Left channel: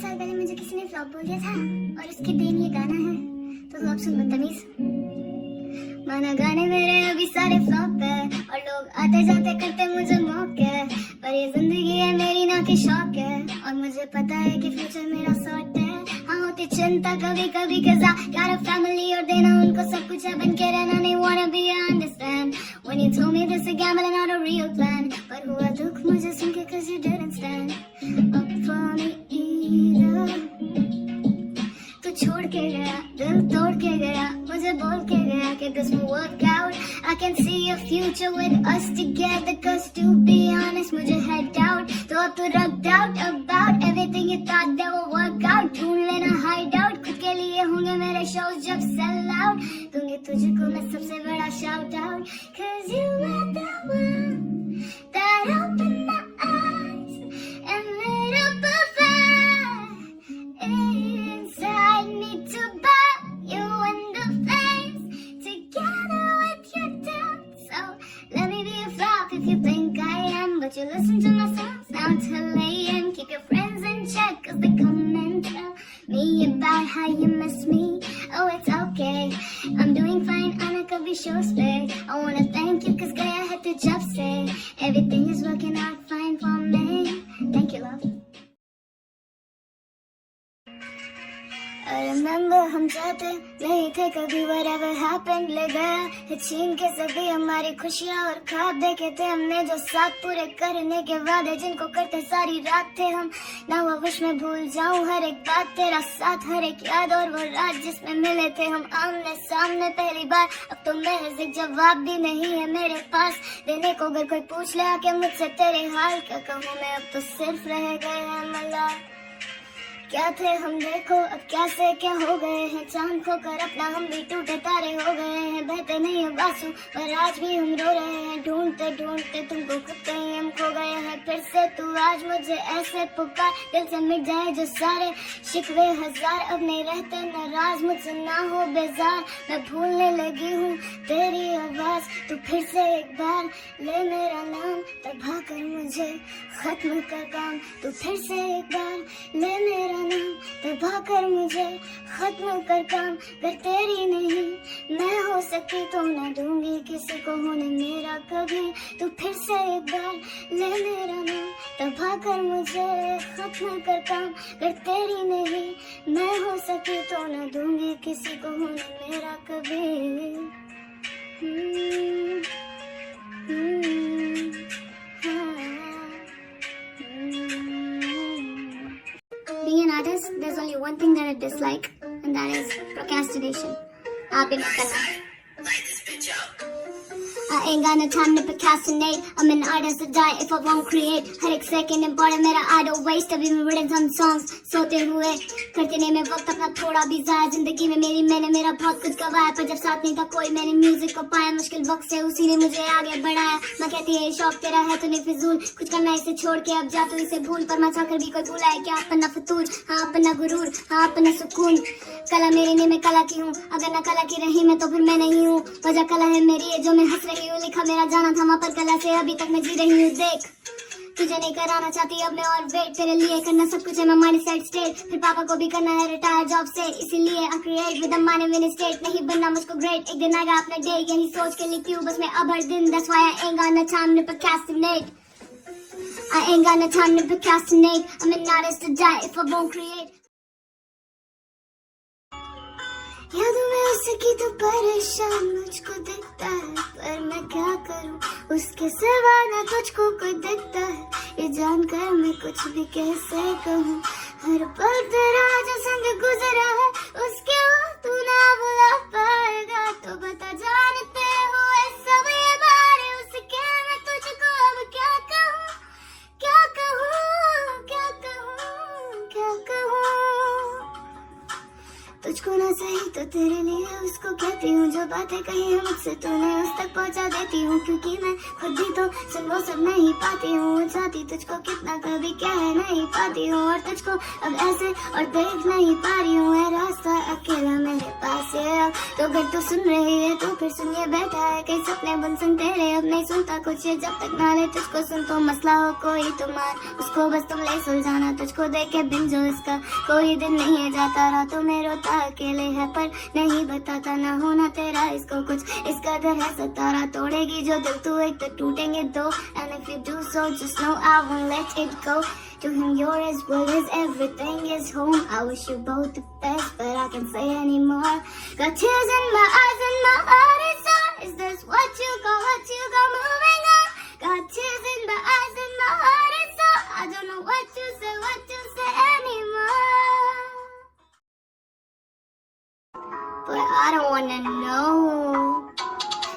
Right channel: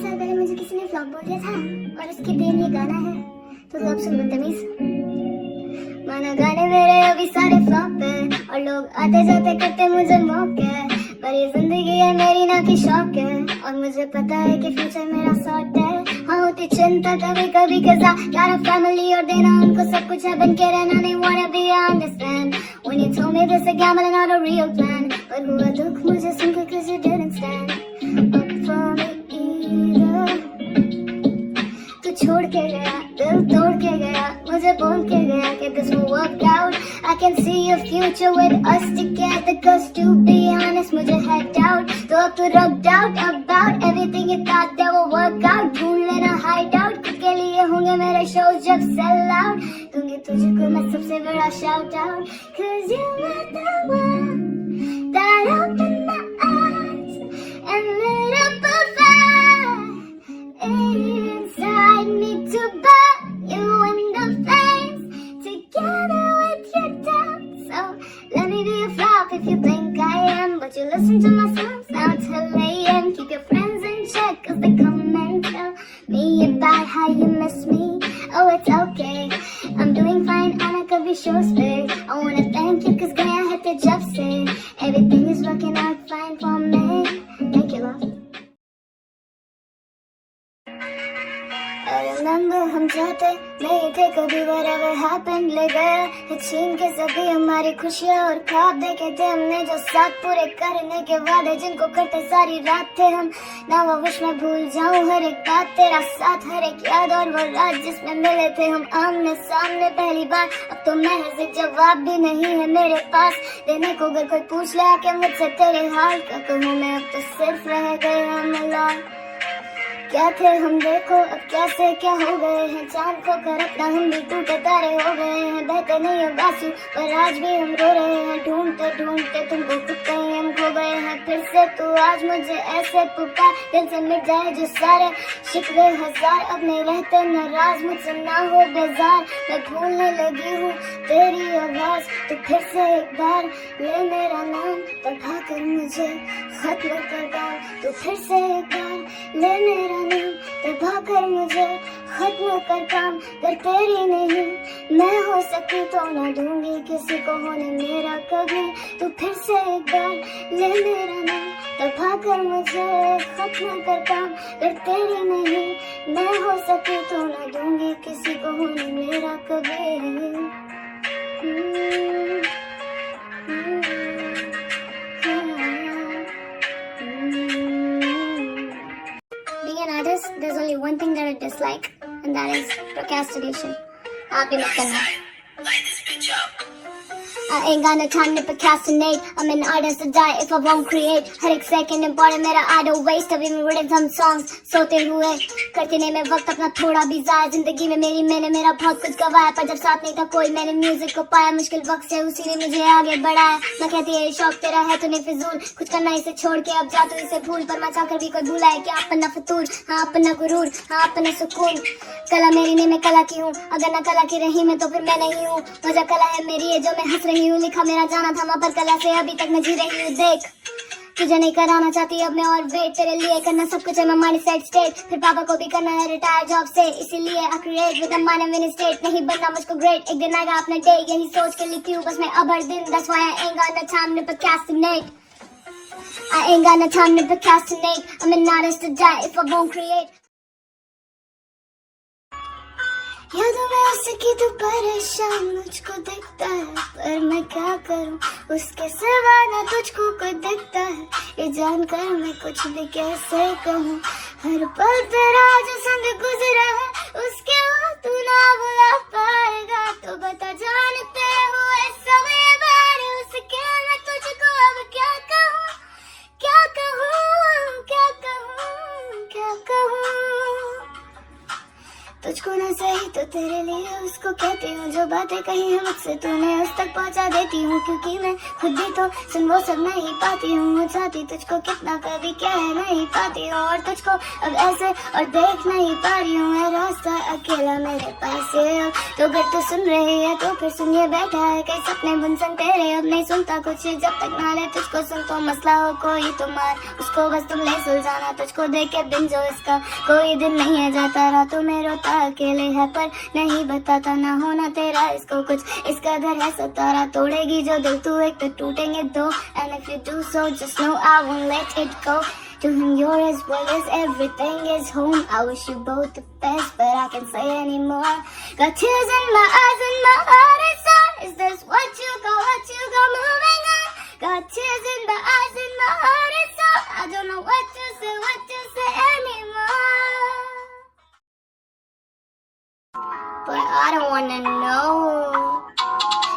साल पहले मुझे किसी ने फ्लॉप बोल दिया था और उसकी देन ये गाना है, तो तू अब सुन बदतमीज। मानो गाने मेरे अभी सारे फ्लॉप है और लोग आते जाते करते मुझे मौके, पर ये जिंदगी है मेरी ना कि शौक है और मुझे पता है कि फ्यूचर मेरा सॉर्ट है। हाँ होती चिंता कभी कभी कजा यार फैमिली और देना उनको सब कुछ है बन के रहना नहीं wanna be understand when you told me this a gamble and not a real plan, but हुआ दुख मुझे सुन के cause you didn't stand up for me either। तू छोड़ के गया दिल तोड़ के गया मुझे बोल के गया कि this will work out, I can see a future with us together cause to be honest मुझे है doubt, तो अब तू रख doubt about everything you thought that will work out, ढूंढ लेना hideout खुद के लिए होंगे मेरे shows जब sell out, दूंगी तुझको मैं सबसे बड़ा shout out cause you were the one that opened my eyes and lit up a fire inside me to burn you in the face together with your doubt. So let me be a flop if you think I am, but you listen to my songs now till AM. Keep your friends in check cause they come and tell me about how you miss me. Oh it's okay, I'm doing fine आना कभी shows पे. I wanna thank you cause गया है तो जब से everything is working out fine for me. Thank you love. I remember हम चाहते नहीं थे कभी whatever happened ले गया है छीन के सभी हमारी खुशियाँ और ख्वाब देखे थे हमने जो साथ पूरे करने के वादे जिनको करते सारी रात थे हम। Now I wish मैं भूल जाऊँ हर एक बात तेरा साथ हर एक याद और वो रात जिसमें मिले थे हम आमने सामने पहली बार। अब तो महज एक जवाब भी नहीं है मेरे पास देने को अगर कोई पूछ ले आके मुझसे तेरे हाल क्या कहूँ मैं अब तो सिर्फ रह गए हम लाल। क्या थे हम देखो अब क्या से क्या हो गए हैं चांद खोकर अपना हम भी टूटे तारे हो गए हैं बहते नहीं हो बासु पर आज भी हम रो रहे हैं ढूंढते ढूंढते तुमको खुद कहीं हम खो गए हैं फिर से तू आज मुझे ऐसे पुकार दिल से मिट जाए जो सारे शिकवे हजार अब नहीं रहते नाराज मुझसे ना हो बेजार मैं भूलने लगी हूँ तेरी आवाज तो फिर से एक बार ले मेरा नाम तबा कर मुझे खत्म कर काम तो फिर से एक बार ले मेरा तबा कर मुझे खत्म कर काम कर तेरी नहीं मैं हो सकी तो ना दूंगी किसी को होने मेरा कभी तो फिर से एक बार ले मेरा नाम तबा कर मुझे खत्म कर काम कर तेरी नहीं मैं हो सकी तो ना दूंगी किसी को होने मेरा कभी। Being an artist, there's only one thing that I dislike, and that is procrastination. आप भी मत करना. I ain't got no time to procrastinate. I'm an artist to die if I won't create. हर एक second important मेरा I don't waste. अभी मैं written some songs सोते हुए करते नहीं मैं वक्त अपना थोड़ा भी ज़ाया जिंदगी में मैंने मेरा बहुत कुछ गवाया पर जब साथ नहीं था कोई मैंने म्यूजिक को पाया मुश्किल वक्त से उसी ने मुझे आगे बढ़ाया। मैं कहती है शौक तेरा है तूने फिजूल कुछ करना इसे छोड़ के अब जा तू इसे भूल पर मैं चाहकर भी कोई भूला है क्या अपना फतूर हाँ अपना गुरूर हाँ अपना सुकून। कला मेरी नहीं मैं कला की हूँ अगर ना कला की रही मैं तो फिर मैं नहीं हूँ वजह कला है मेरी है जो मैं हंस रही हूँ लिखा मेरा जाना था पर कला से अभी तक मैं जी रही हूँ देख तुझे नहीं कराना चाहती अब मैं और वेट तेरे लिए करना सब कुछ है मैं माइंड सेट स्टेट फिर पापा को भी करना है रिटायर जॉब से इसीलिए I create with a mind mini state नहीं बनना मुझको ग्रेट एक दिन आएगा अपना डे यही सोच के लिखी हूँ बस मैं अब हर दिन that's why I ain't got no time to procrastinate I ain't got no time to procrastinate I'm an artist to die if I won't create यादों में उसकी तो परेशान मुझको दिखता है पर मैं क्या करूं उसके सिवा न तुझको कोई दिखता है ये जानकर मैं कुछ भी कैसे कहूं हर पल तेरा जो संग गुजरा है उसके बाद तू ना बुला पाएगा तो बता जानते हुए समय बारे उसके मैं तुझको अब क्या कहूं क्या कहूं क्या कहूं क्या कहूं तुझको न सही तो तेरे लिए उसको कहती हूँ, जो बातें कही है मुझसे तूने उस तक पहुँचा देती हूँ, क्योंकि मैं खुद भी तो सुन वो सब नहीं पाती हूँ। चाहती तुझको कितना कभी कह नहीं पाती हूँ, और तुझको अब ऐसे और देख नहीं पा रही हूँ। ये रास्ता अकेला मेरे पास है अब, तो अगर तू सुन रही है तो फिर सुनिए बैठा है कई सपने बुन सन तेरे, अब नहीं सुनता कुछ ये जब तक ना ले तुझको सुन। तो मसला हो कोई तो मार उसको, बस तुम ले सुलझाना, तुझको देख के दिन जो इसका कोई दिन नहीं है जाता। रातों में रोता अकेले है पर नहीं बताता, ना होना तेरा इसको कुछ इस कदर है सतारा। तोड़ेगी जो दिल तू एक तो टूटेंगे दो, and if you do so just know I won't let it go. To him you're as well as everything is home. I wish you both the best but I can't say anymore. Got tears in my eyes and my heart is on. Is this what you got moving on? Got tears in the eyes and my heart is on. I don't know what to say anymore. But I don't wanna know.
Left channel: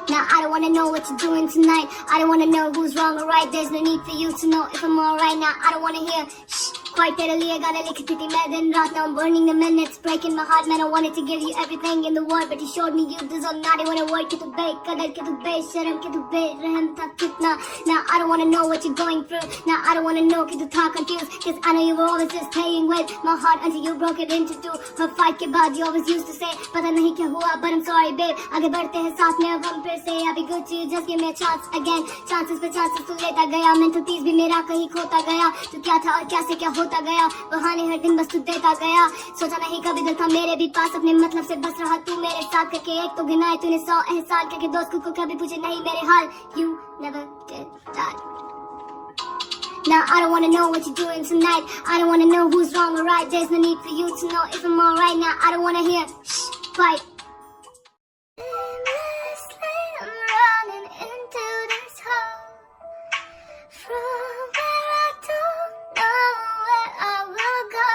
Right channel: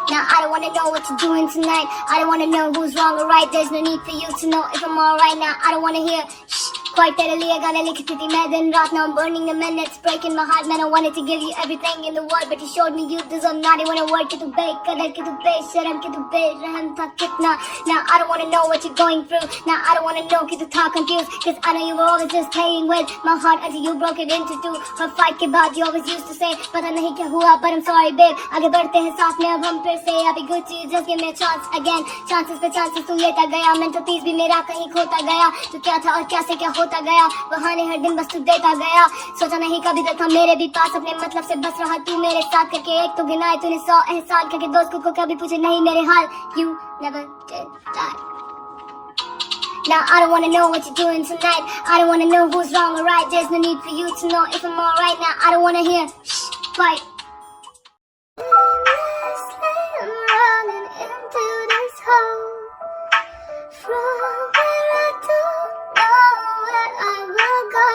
Now I don't wanna know what you're doing tonight. I don't wanna know who's wrong or right. There's no need for you to know if I'm alright now. I don't wanna hear shh. Quite तेरे लिए गाने लिखती थी मैं दिन रात. Now I'm burning the minutes, breaking my heart. Man, I wanted to give you everything in the world, but you showed me you deserve not even a word. कि तू बेकदर, कि तू बेशरम, कि तू बेरहम था कितना. Now I don't wanna know what you're going through. Now I don't wanna know कि तू था confused, cause I know you were always just playing with my heart until you broke it into two. Her fight के बाद you always used to say पता नहीं क्या हुआ but I'm sorry babe. आगे बढ़ते हैं साथ में अब हम फिर से. I'll be good to you, just give me a chance again. Chances पे chances तू लेता गया. Mental peace भी मेरा कहीं खोता गया. तू क्या था और क्या से क्या होता गया. बहाने हर दिन बस तू देता गया. सोचा नहीं कभी दिल था मेरे भी पास, अपने मतलब से बस रहा तू मेरे साथ. करके एक तो गिनाए तूने 100 एहसान, करके दोस्त को कभी पूछे नहीं मेरे हाल. You never did that. Now I don't wanna know what you're doing tonight. I don't wanna know who's wrong or right. There's no need for you to know if I'm alright now. I don't wanna hear shh, fight. I'm running into this hole from where I don't know where I will go.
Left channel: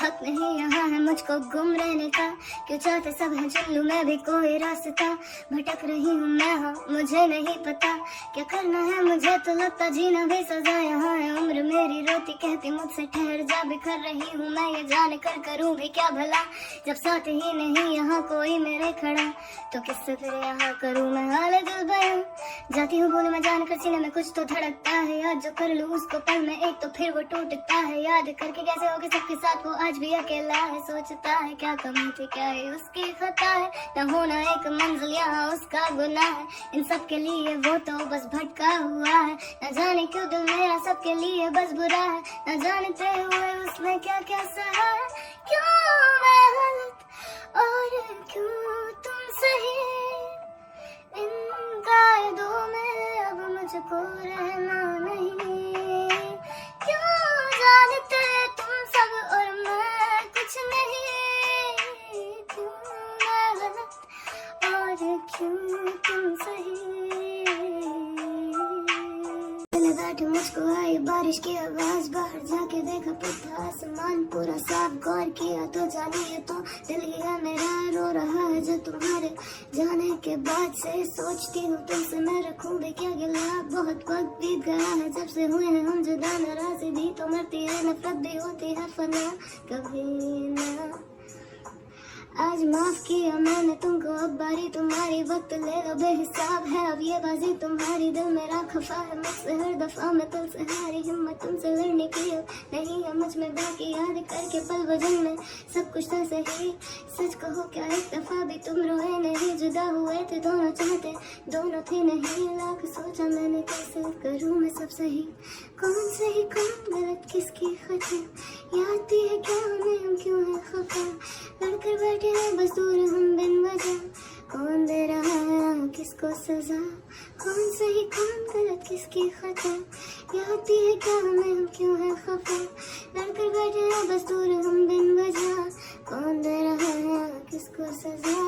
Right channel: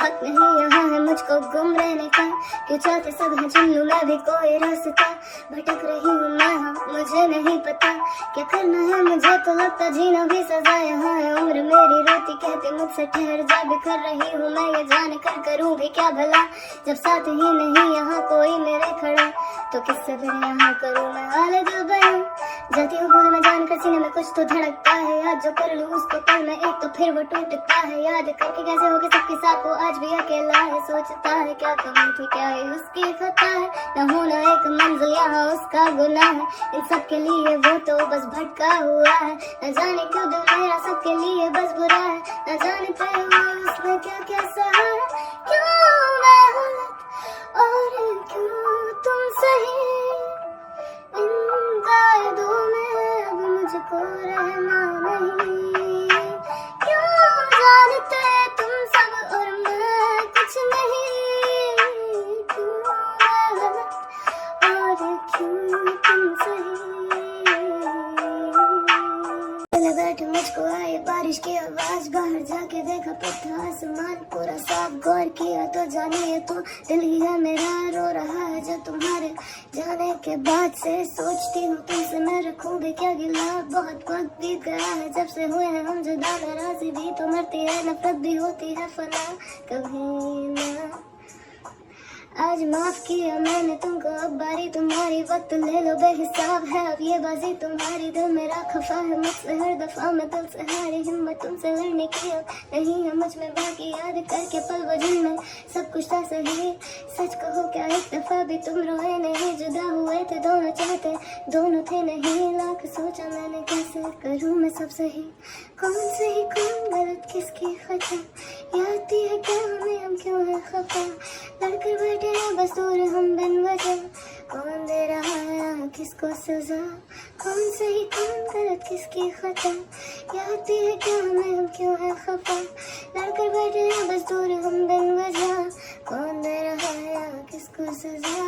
हक नहीं यहाँ है मुझको गुम रहने का, क्यों चाहते सब है चुन लूं मैं भी कोई रास्ता. भटक रही हूँ मैं, हाँ मुझे नहीं पता क्या करना है मुझे, तो लगता जीना भी सजा. यहाँ है उम्र मेरी रोती कहती मुझसे ठहर जा. बिखर रही हूँ मैं ये जान कर करूँ भी क्या भला, जब साथ ही नहीं यहाँ कोई मेरे खड़ा. तो किससे फिर यहाँ करूँ मैं हाल दिल बयां. जाती हूँ भूल मैं जान कर सीने में कुछ तो धड़कता है. याद जो कर लूँ उसको पल में एक तो फिर वो टूटता है. याद करके कैसे होगा सबके साथ वो आज भी अकेला है. सोचता है क्या कमी थी क्या है उसकी खता है. न होना एक मंजिल यहाँ उसका गुनाह है. इन सब के लिए वो तो बस भटका हुआ है. न जाने क्यों दिल मेरा सबके लिए बस बुरा है. न जानते हुए उसने क्या क्या सहा है. क्यों मैं गलत और क्यों तुम सही. इन कायदों में अब मुझको रहना नहीं. क्यों जानते तुम सब और मैं कुछ नहीं. क्यों मैं गलत और क्यों तुम सही. बैठे मुझको आई बारिश की आवाज, बाहर जाके देखा पता आसमान पूरा साफ. गौर किया तो जानिए तो दिल ही है मेरा रो रहा है जो तुम्हारे जाने के बाद से. सोचती हूँ तुमसे मैं रखूंगी क्या गिला. बहुत वक्त बीत गया है जब से हुए हैं हम जुदा. नाराजी भी तो मरती है, नफरत भी होती है फना कभी ना. आज माफ किया मैंने तुमको, अब बारी तुम्हारी. वक्त ले लो बेहिसाब है अब ये बाजी तुम्हारी. दिल मेरा खफा है मुझसे हर दफा, मैं दिल से हारी हिम्मत तुमसे लड़ने की अब नहीं है मुझ में बाकी. याद करके पल वजन में सब कुछ था सही. सच कहो क्या एक दफा भी तुम रोए नहीं. जुदा हुए थे दोनों चाहते दोनों थे नहीं. लाख सोचा मैंने कैसे करूँ मैं सब सही. कौन सही कौन गलत किसकी खता. याद है क्या हमें हम क्यों है खफा. लड़कर बैठे हैं बस दूर हम बिन वजह. कौन दे रहा है किसको सजा. कौन सही कौन गलत किसकी खता. याद है क्या हमें हम क्यों है खफा. लड़कर बैठे हैं बस दूर हम बिन वजह. कौन दे रहा है किसको सजा.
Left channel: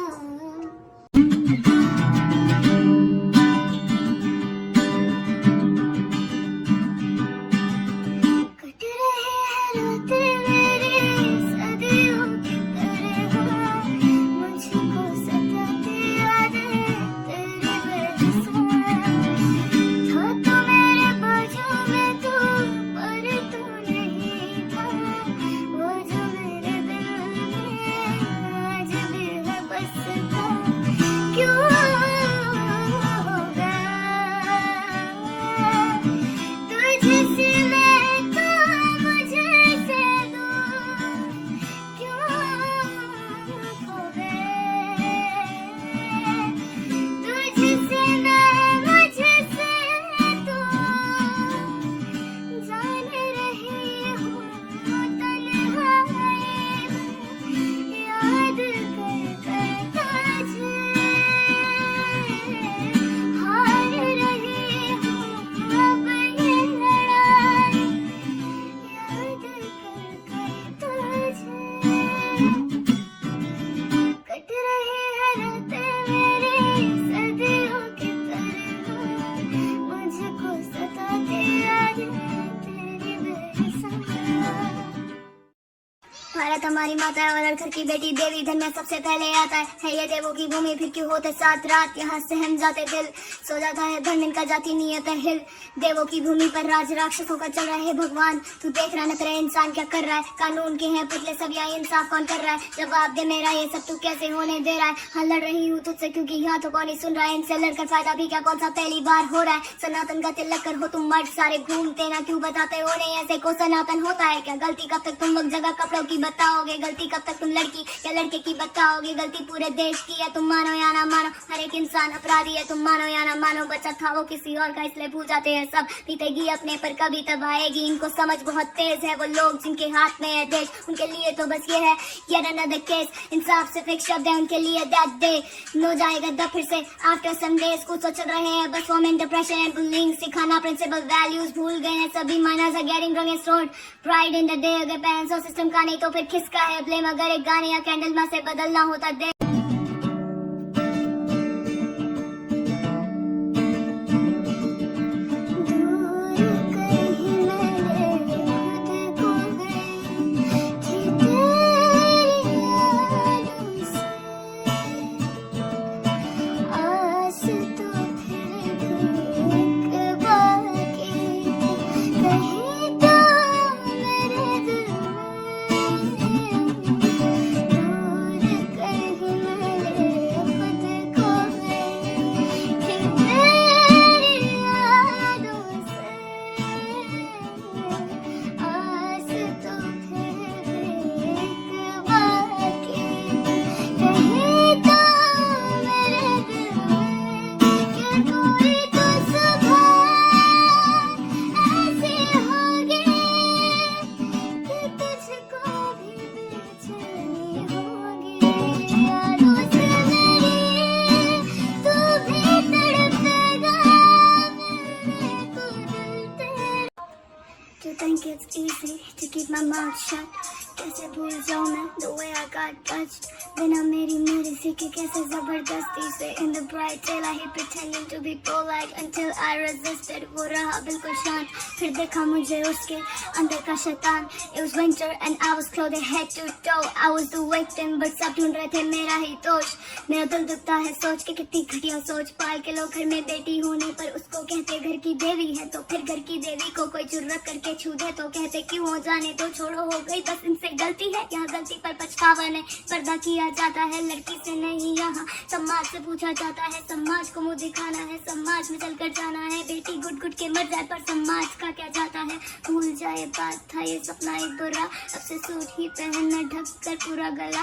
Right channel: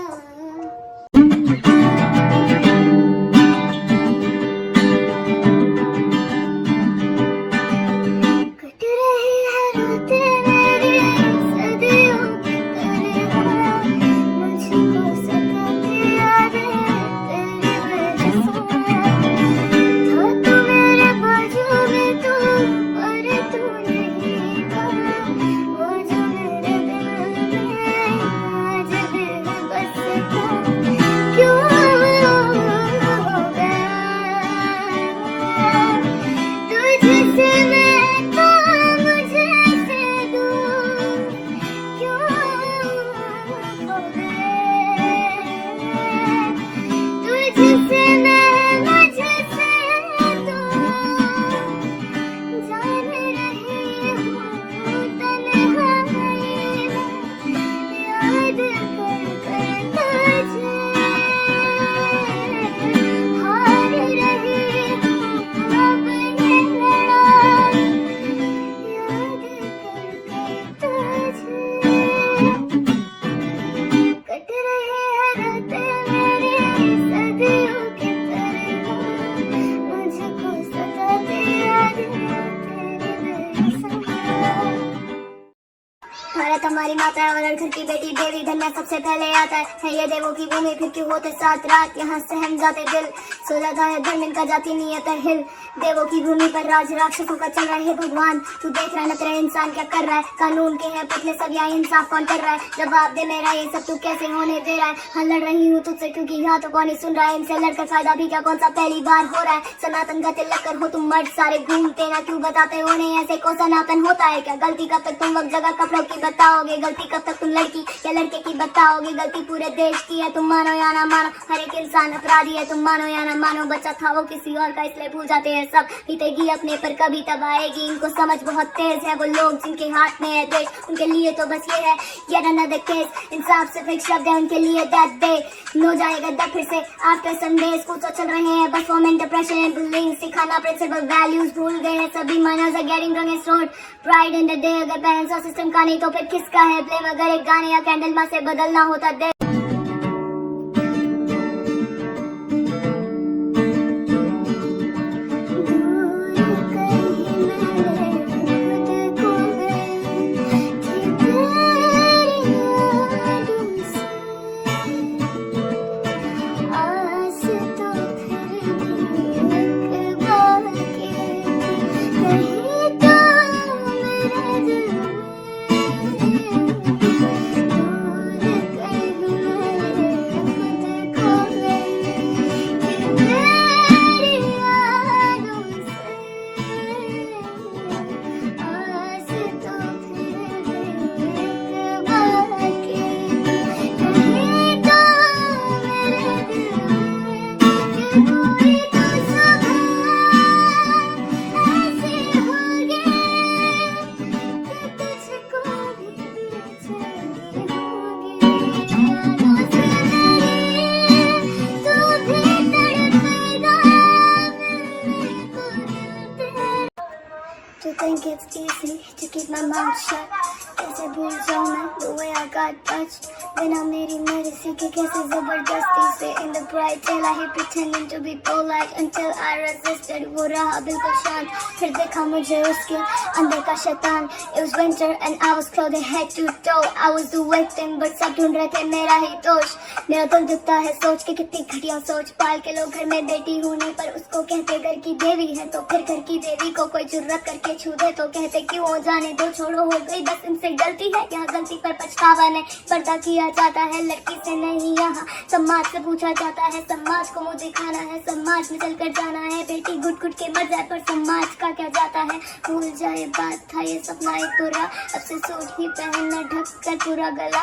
भारत हमारी माता है और हर घर की बेटी देवी घर में सबसे पहले आता है ये देवों की भूमि फिर क्यों होते सात रात यहाँ सहम जाते दिल सो जाता है धन का जाती नियत है हिल देवों की भूमि पर राज राक्षसों का चल रहा है भगवान तू देख रहा न तेरा इंसान क्या कर रहा है कानून के हैं पतले सब यहाँ इंसाफ कौन कर रहा है जवाब दे मेरा ये सब तू कैसे होने दे रहा है हाँ लड़ रही हूँ तुझसे क्योंकि यहाँ तो कौन ही सुन रहा है इनसे लड़कर फायदा भी क्या कौन सा पहली बार हो रहा है सनातन का तिलक कर हो तुम मर्द सारे घूमते ना क्यों बताते हो नहीं ऐसे को सनातन होता है क्या गलती कब तक तुम वक्त जगह कपड़ों की बताओगे गलती कब तक तुम लड़की या लड़के की बताओगे गलती पूरे देश की है तुम मानो या ना मानो हर एक इंसान अपराधी है तुम मानो या ना मानो बच्चा था वो किसी और का इसलिए भूल जाते हैं सब बीतेगी अपने पर कभी तब आएगी इनको समझ बहुत तेज है वो लोग जिनके हाथ में है देश उनके लिए तो बस ये है yet another case इंसाफ सिर्फ एक शब्द है उनके लिए that day नो जाएगा तब फिर से आफ्टर संडेज कुछ तो चल रहे हैं बस फोमेंट डिप्रेशन एंड बुलिंग सिखाना प्रिंसिपल वैल्यूज भूल गए हैं सभी माइनर्स आर गेटिंग रंग road pride in the day अगर पेरेंट्स और सिस्टम का नहीं तो फिर किसका है ब्लेम अगर एक गाने या कैंडल माँ से बदलना होता दे To think it's easy to keep my mouth shut कैसे भूल जाऊँ मैं the way I got touched बिना मेरी मर्जी के कैसे जबरदस्ती से in the bright daylight he pretending to be polite until I resisted वो रहा बिल्कुल शांत फिर देखा मुझे उसके अंदर का शैतान it was winter and I was clothed head to toe I was the victim but सब ढूंढ रहे थे मेरा ही दोष मेरा दिल दुखता है सोच के कितनी घटिया सोच पाल के लोग घर में बेटी होने पर उसको कहते घर की देवी है तो फिर घर की देवी को कोई जुर्रत करके छू दे तो कहते क्यों हो जाने दो छोड़ो हो गई बस इनसे गलती है यहाँ गलती पर पछतावा नहीं पर्दा किया जाता है लड़की से नहीं यहाँ समाज से पूछा जाता है समाज को मुझे दिखाना है समाज में चलकर जाना है बेटी घुट घुट के मर जाए पर समाज का क्या जाता है भूल जाए बात था ये सपना एक बुरा अब से सूट ही पहनना ढक कर पूरा गला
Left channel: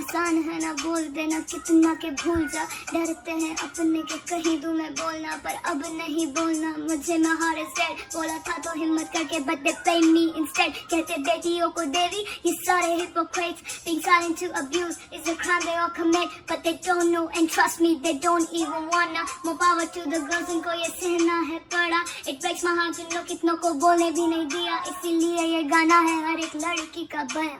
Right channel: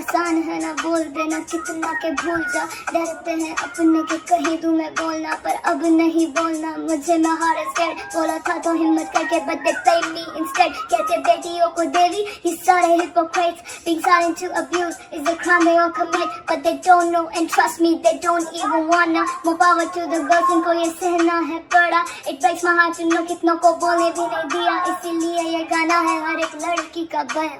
आसान है ना बोल देना कितना के भूल जा डरते हैं अपने के कही दूं मैं बोलना पर अब नहीं बोलना मुझे मैं हार बोला था तो हिम्मत करके but they play me instead कहते बेटियों को देवी ये सारे hypocrites being silent to abuse is a crime they all commit but they don't know and trust me they don't even wanna more power to the girls इनको ये सहना है पड़ा it breaks my heart to know कितनों को बोलने भी नहीं दिया इसीलिए ये गाना है हर एक लड़की का बयां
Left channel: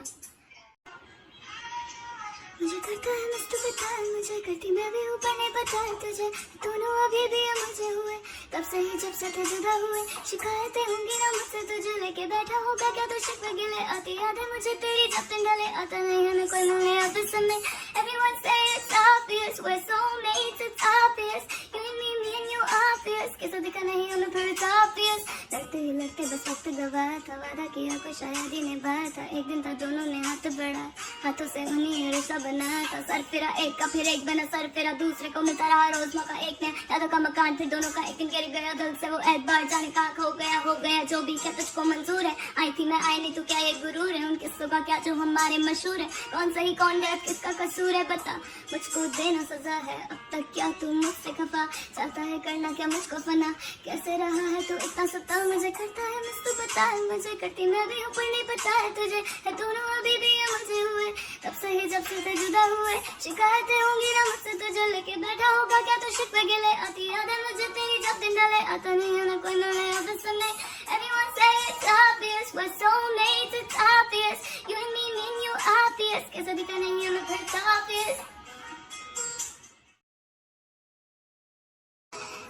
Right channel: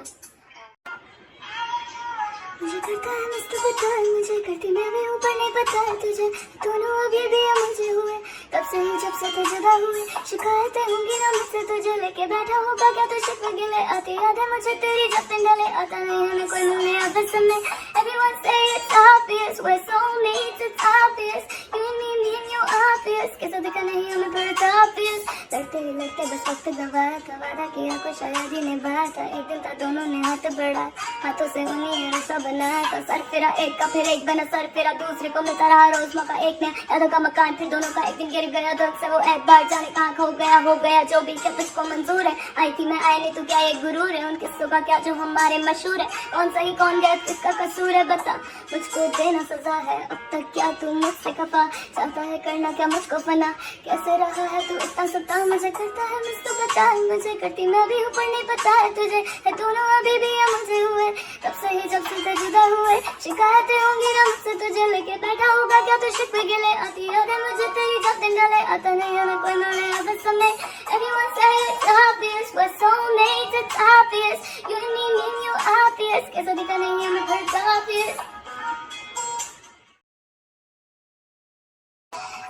मुझे करता है मस्त पता है मुझे करती मैं भी ऊपर नहीं पता है तुझे दोनों अभी भी मुझे हुए तब से ही जब से तो जुदा हुए शिकायतें होंगी ना मुझसे तुझे लेके बैठा होगा क्या तो शिकवे गिले आती याद है मुझे तेरी जब दिन ढले आता नहीं है कोई मिलने आता सुनने everyone say it's obvious we're soulmates it's obvious you and me and you obvious कैसा दिखा नहीं हमें पर it's obvious लड़ते ही लड़ते बस वक्त गवाया था वादा किया कुछ शायद ही निभाया था एक दिन था दोनों ने हाथ बढ़ा हाथों से उन्हीं ने रिश्ता बनाया था सर फिरा एक का फिर एक बना सर फिरा दूसरे को मिलता रहा रोज मौका एक ने यादों का मकान फिर दोनों का एक दिन गिर गया दिल से वो एतबार जाने कहाँ हो गया जो भी क्या तुझको मंजूर है आई थी मैं आई नहीं तो क्या ये गुरूर है उन किस्सों का क्या जो हमारे मशहूर है कौन सही कौन गलत किसका कसूर है बता मुझको देना सजा है अब तक क्या तू मुझसे खफा चाहता है करना क्या मुझको फना कैसे रहा है तू इतना सता मुझे करता है मुझको बता मुझे करती मैं भी ऊपर नहीं पता है तुझे है दोनों अभी भी मुझे हुए तब से ही जब से जुदा हुए शिकायतें होंगी ना मुझसे तुझे लेके बैठा होगा क्या तो शिकवे गिले आती याद है मुझे तेरी जब दिन डाले आता नहीं है कोई मिलने आता समय everyone say it's obvious we're soulmates it's obvious you and me and you obvious कैसा दिखा नहीं है मैं फिर obvious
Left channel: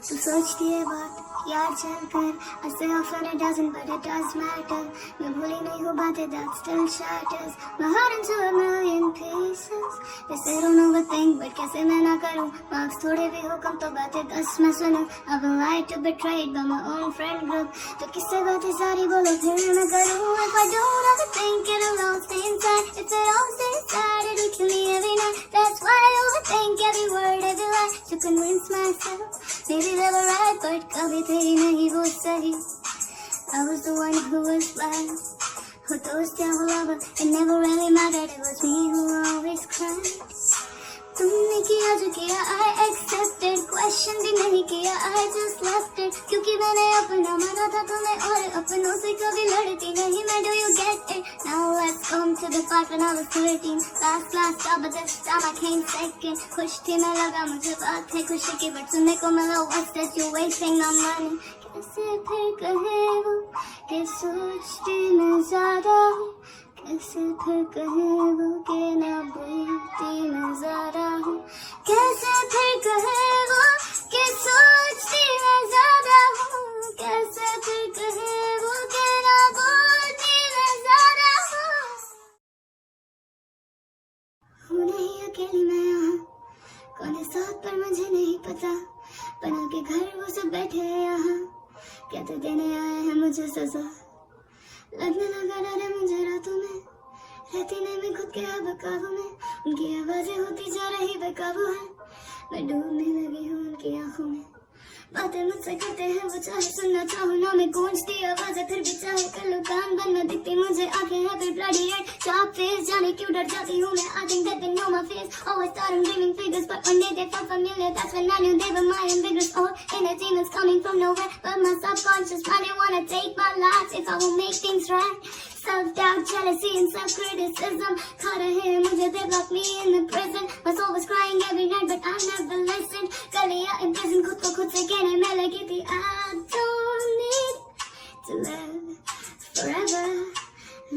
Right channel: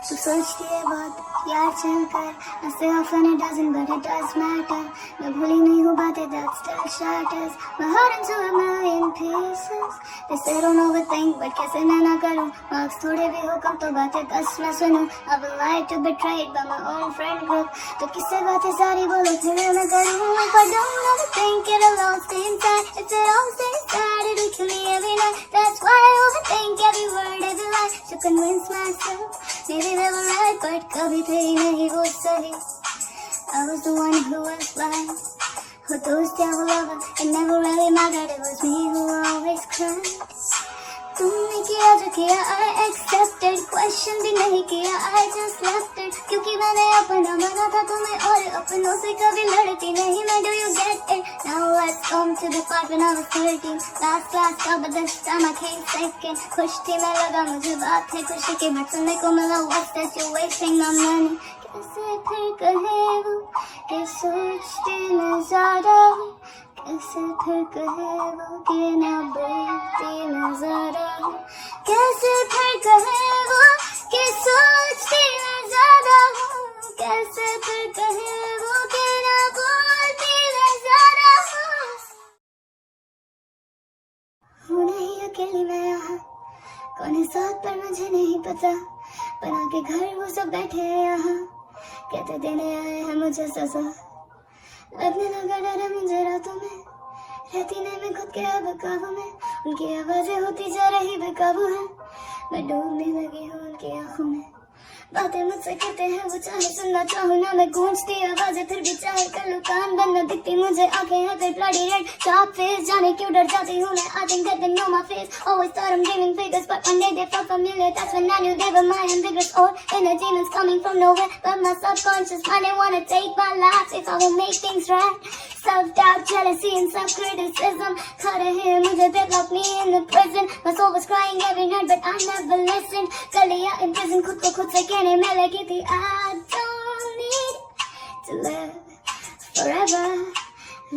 तू सोचती है बहुत यार चलकर, I say often it doesn't but it does matter. मैं भूली नहीं हूँ बातें that still shatters my heart into a million pieces. They say don't overthink but कैसे मैं ना करूँ, marks थोड़े भी हो कम तो बातें 10 मैं सुनूँ. I've been lied to, betrayed by my own friend group. तो किससे बातें सारी बोलो फिर मैं करूँ. If I don't overthink it'll all stay inside. If it all stays inside it'll kill me every night. That's why I overthink every word every lie to convince myself maybe they were right but कभी थे नहीं वो सही. I was the one who was blind. Who those devil lover, it never really mattered. It was me who always cried. तुमने किया जो किया I accepted. Question भी नहीं किया I just left it. क्योंकि मैंने अपना माना था तुम्हें और अपनों से कभी लड़ती नहीं मैं. Do you get it? Now let's come to the part when I was 13. Last class था but this time I came second. खुश थी मैं लगा मुझे बात है खुशी की but सुनने को मिला what's that you wasting my money. कैसे फिर कहे वो कि सोचती मैं ज़्यादा, कैसे फिर कहे वो कि ना बोलती मैं ज़्यादा. कैसे फिर कहे वो कि सोचती मैं ज़्यादा हूँ, कैसे फिर कहे वो कि ना बोलती मैं ज़्यादा हूँ नहीं अकेली मैं यहाँ. कौन है साथ पर मुझे नहीं पता. बना के घर वो सब बैठे हैं यहाँ, कहते देने आए हैं मुझे सजा. लगने लगा डर है मुझे रातों में, रहती नहीं मैं खुद के अब काबू में. उनकी आवाजें होती जा रही बेकाबू है, मैं डूबने लगी हूँ उनकी आंखों में. बातें मुझसे कहते हैं वो चाहे सुनना चाहूँ ना मैं गूंजती आवाजें फिर भी चाहे कर लूँ कान बंद न दिखती मुझे आंखें हैं फिर bloody red sharp face. जाने क्यों डर जाती हूँ मैं. I think that they know my face. Always thought I'm dreaming figures but one day they felt familiar. That's when I knew they were my ambiguous old inner demons coming from nowhere. But my subconscious mind they wanna take my life if I will make things right. Self-doubt, jealousy and self-criticism खा रहे हैं मुझे. They locked me in the prison. My soul was crying every night but I never listened. कर लिया in prison खुद को खुद से कहने में लगी थी I don't need to live forever.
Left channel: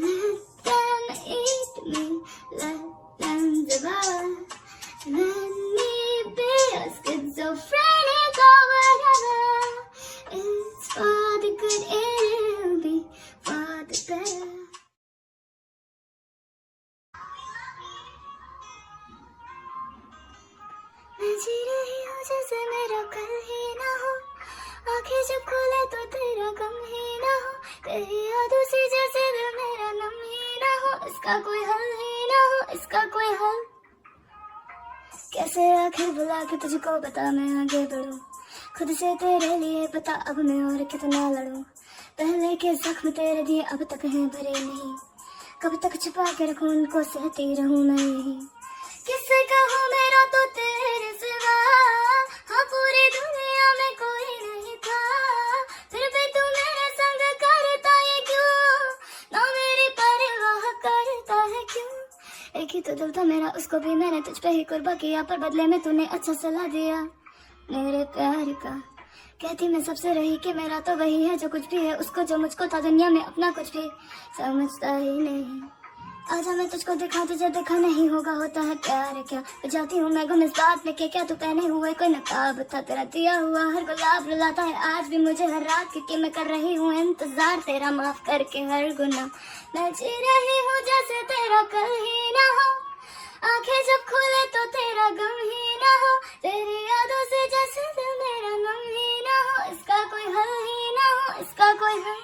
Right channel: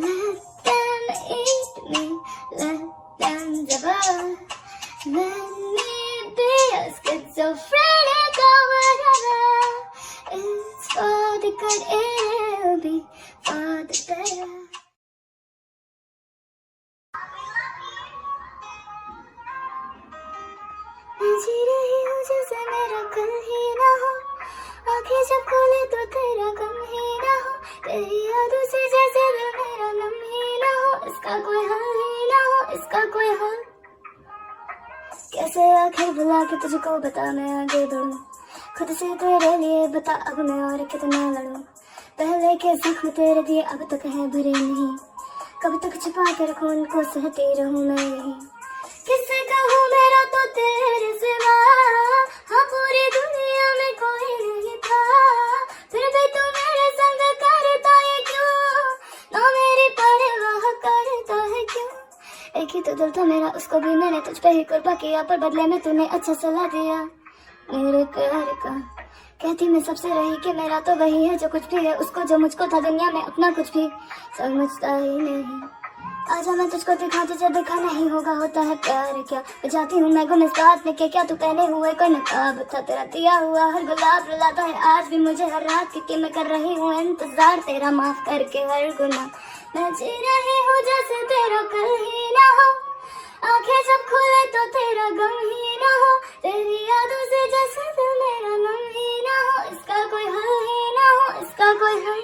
Let them eat me, let them devour. Let me be a schizophrenic or whatever. It's for the good, it'll be for the better. मैं जी रही हूँ जैसे मेरा कल ही ना हो. आँखें जब खोले तो तेरा गम ही ना हो. तेरी यादों से जैसे दिल मेरा नम ही ना हो. इसका कोई हल ही ना हो, इसका कोई हल. कैसे आखिर बुला के तुझको बता मैं आगे बढ़ूं. खुद से तेरे लिए बता अब मैं और कितना लड़ूं. पहले के जख्म तेरे दिए अब तक है भरे नहीं. कब तक छिपा के रखूं उनको सहती रहूं मैं यही. किससे कहूँ मेरा तो तेरे सिवा. हाँ पूरी दुनिया में कोई नहीं था. फिर भी तू मेरे संग करता है क्यों. ना मेरी परवाह करता है क्यों. एक ही तो दिल था मेरा उसको भी मैंने तुझ पे ही कुर्बा किया. पर बदले में तूने अच्छा सलाह दिया मेरे प्यार का. कहती मैं सबसे रही कि मेरा तो वही है जो कुछ भी है. उसको जो मुझको था दुनिया में अपना कुछ भी समझता ही नहीं. आजा मैं तुझको दिखा तुझे देखा नहीं होगा होता है प्यार क्या. जाती हूँ मैं गुम इस बात में क्या तू पहने हुए कोई नकाब था. तेरा दिया हुआ हर गुलाब रुलाता है आज भी मुझे हर रात क्योंकि मैं कर रही हूँ इंतजार तेरा माफ करके हर गुनाह. मैं जी रही हूँ जैसे तेरा कल ही ना हो. आंखें जब खोले तो तेरा गम ही ना हो. तेरी यादों से जैसे दिल मेरा नम ही ना हो. इसका कोई हल ही ना हो, इसका कोई हल.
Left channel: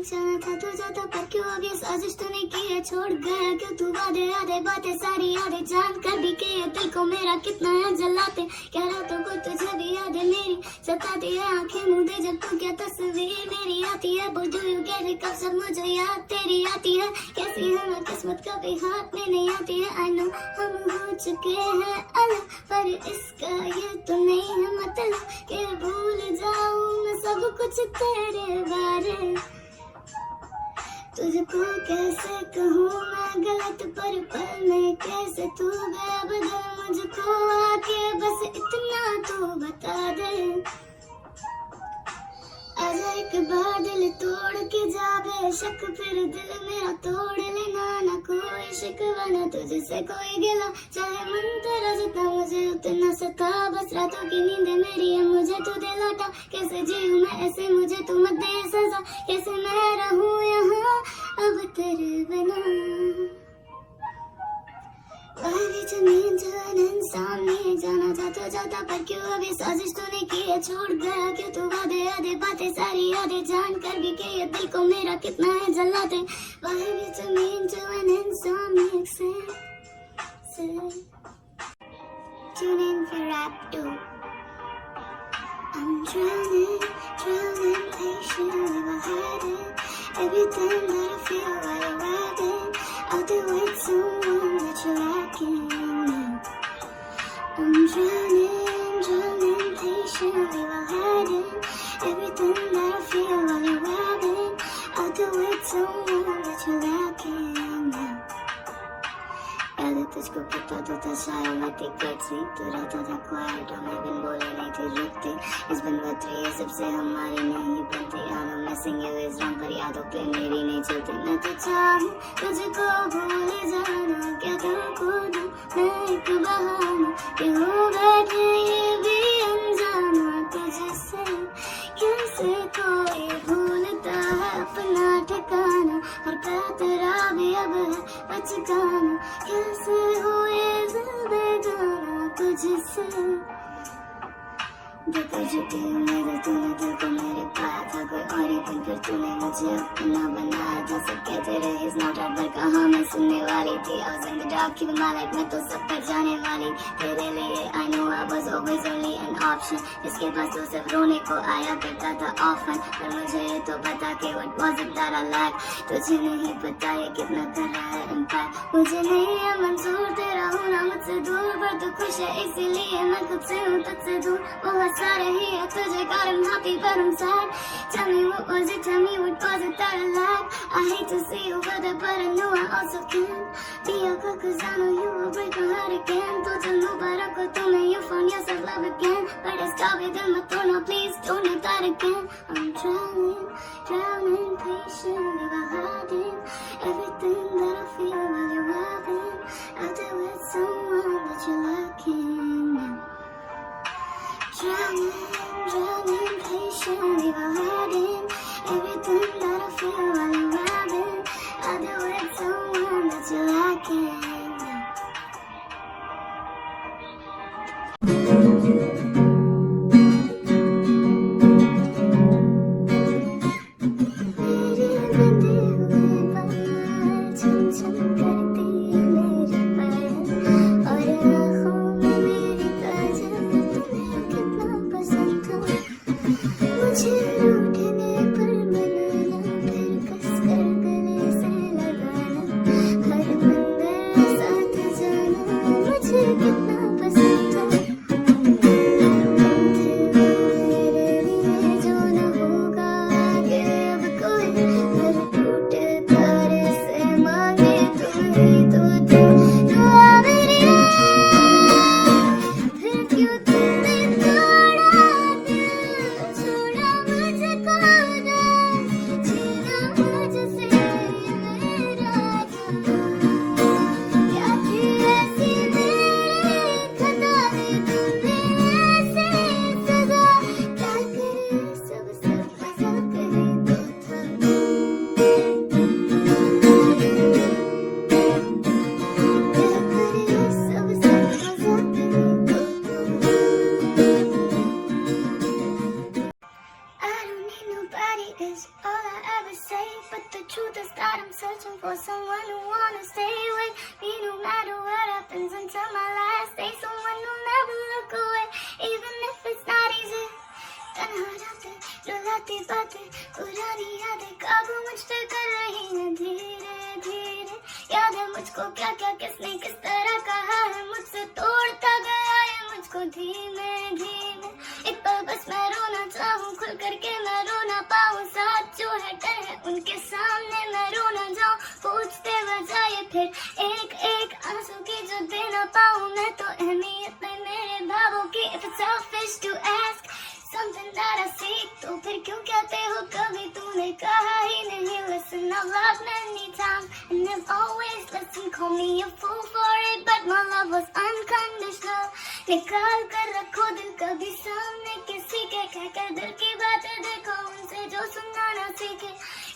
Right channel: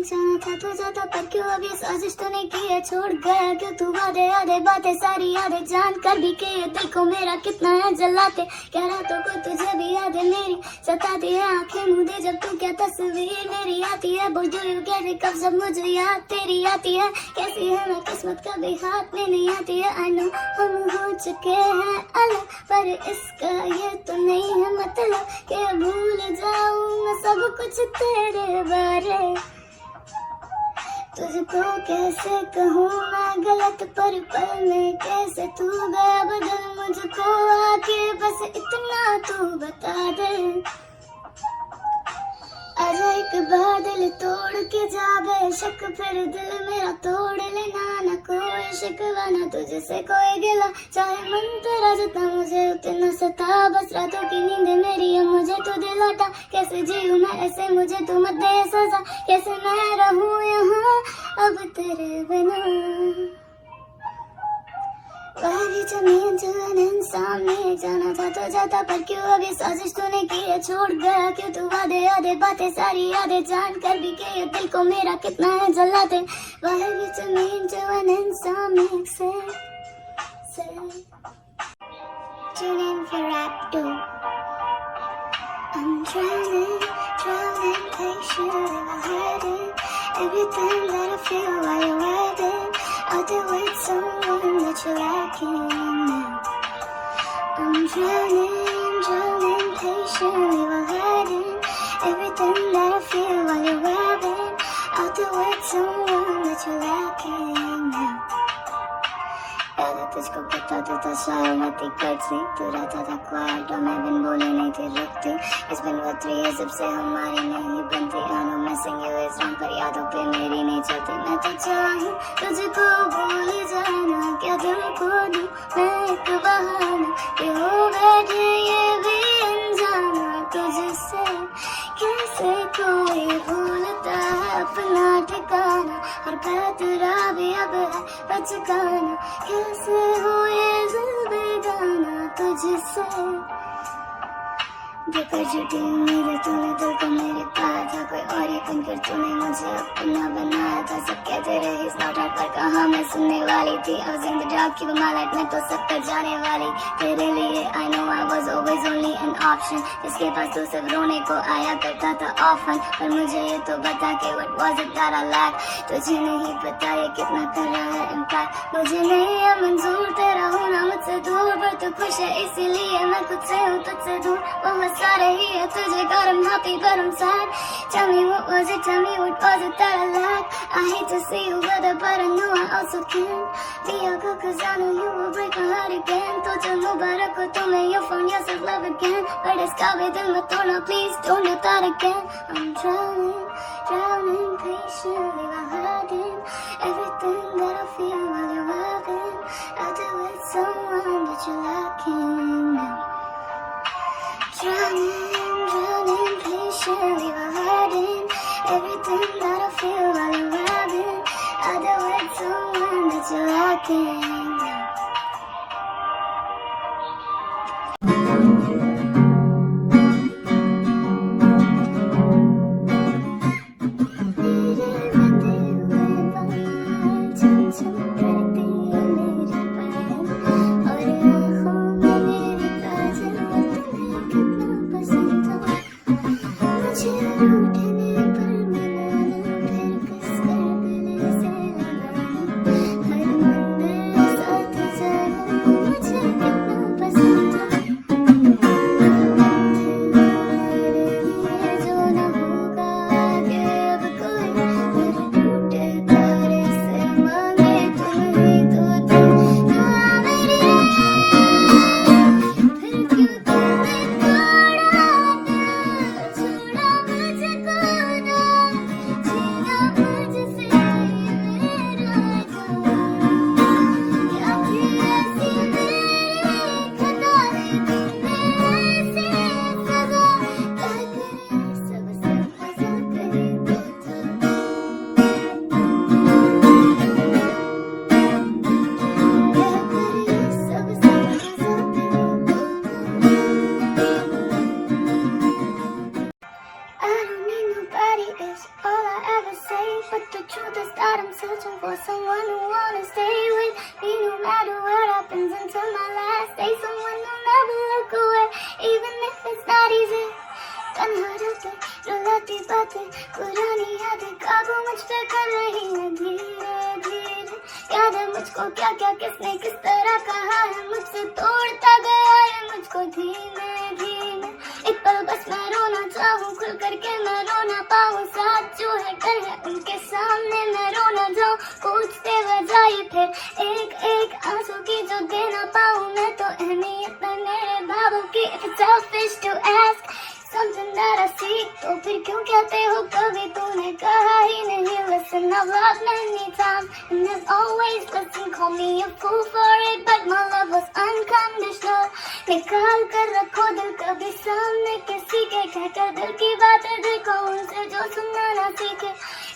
जाना था तुझे तो पर क्यों अभी साजिश तूने की है छोड़ गया क्यों तू. वादे आधे बातें सारी यादें जान कर भी के दिल को मेरा कितना है जलाते. क्या रातों को तुझे भी यादें मेरी सताती है. आंखें मूंदे जब तू क्या तस्वीर मेरी आती है. बोल डू यू गेट इट कब जब मुझे याद तेरी आती है. कैसी है मैं किस्मत कभी हाथ में नहीं आती है. आई नो हम हो चुके हैं अलग पर इसका ये तो नहीं है मतलब कि भूल जाऊं मैं सब कुछ तेरे बारे. तुझको कैसे कहूँ मैं गलत पर में कैसे तू गया बदल मुझको आके बस इतना तू बता दे. आजा एक बार दिल तोड़ के जा बेशक, फिर दिल मेरा तोड़ लेना, ना कोई शिकवा ना तुझसे कोई गिला, चाहे मन तेरा जितना मुझे उतना सता, बस रातों की नींद मेरी है मुझे तू दिलाता, कैसे जीऊं मैं ऐसे मुझे तू मत दे सजा, कैसे मैं रहूं यहाँ अब तेरे बिना। पहली जमीन जवान सामने जाना था तो जाता, पर क्यों अभी साजिश तूने की है छोड़ गया, क्यों तू वादे आधे बातें सारी यादें जान कर भी के ये दिल को मेरा कितना है जलाते। पहली जमीन जवान सामने से tune in for rap too. I'm drowning patiently while hiding everything that I feel while you're riding. I'll do it someone that you're lacking now. I'm drowning patiently while hiding everything that I feel while you're riding. I'll do it someone that you're lacking now. याद तुझको पता तो था शायद मैं थी करती, तू रहता था क्वाइट और मैं बिन बोले नहीं थी रुकती। It's been what 3 years जब से हमारी नहीं बनती, I know missing you is wrong पर यादों पे मेरी नहीं चलती। मैं तो चाहूँ तुझको भूल जाना, क्या दिल को दूँ मैं एक बहाना, कि हूँ बैठी ये भी अनजाना तुझसे, कैसे कोई भूलता है अपना ठिकाना, और तेरा भी अब है बचकाना, कैसे हो ये दिल बेगाना तुझसे। बेकर झूठी उम्मीदें तूने दिल को मेरे पाया था, कोई और ही बनकर तूने मुझे अपना बनाया था। सब कहते रहे इस नॉट आउट पर कहाँ मैं सुनने वाली थी, I was in the dark की my life में तो सब कर जाने वाली तेरे लिए। I know I was always only an option, जिसके पास तू सब रोने को आया करता था often, पर मुझे ये तो बता के what was it that I lacked, तुझे नहीं पता ये कितना कर रहा है impact। मुझे नहीं है मंजूर तेरा होना मुझसे दूर, पर तू खुश है इसीलिए मैं खुद से हूँ तुझसे दूर। बहुत सारे ही है तुझे got I'm happy but I'm sad, tell me what was it that I lacked। I hate to see you with it but I know I also can't be your girl cause I know you will break my heart again। तो चल मुबारक हो तुम्हें you found yourself love again, but इसका भी दिल मत तोड़ना please don't do that again। I'm drowning patiently while hiding everything that I feel while you're riding out there with someone that you're lacking now। Drowning patiently while hiding everything that I feel while you're riding out there with someone that you're lacking now। For someone who wanna stay with me no matter what happens until my last day, someone who'll never look away even if it's not easy। तन्हा रहते रुलाती बातें पुरानी यादें काबू मुझ पे कर रही हैं धीरे धीरे, याद है मुझको क्या क्या किसने किस तरह कहा है, मुझसे तोड़ता गया है मुझको धीमे धीमे। एक पल बस मैं रोना चाहूँ खुल करके मैं रो ना पाऊँ, साथ जो है डर है उनके सामने मैं रो ना जाऊँ, पूछते बजाए फिर एक एक आंसू की जो दे ना पाऊँ मैं, तो अहमियत है मेरे भावों की। If it's selfish to ask something that I seek. तो फिर क्यों कहते हो कभी तूने कहा ही नहीं? Listen, I've loved many times and there's always listen. Call me a fool for it, but my love was unconditional. निकाल कर रखो दिल कभी सामने किसी के, कहकर दिल की बातें दिल को उनसे जो सुनना ना सीखे.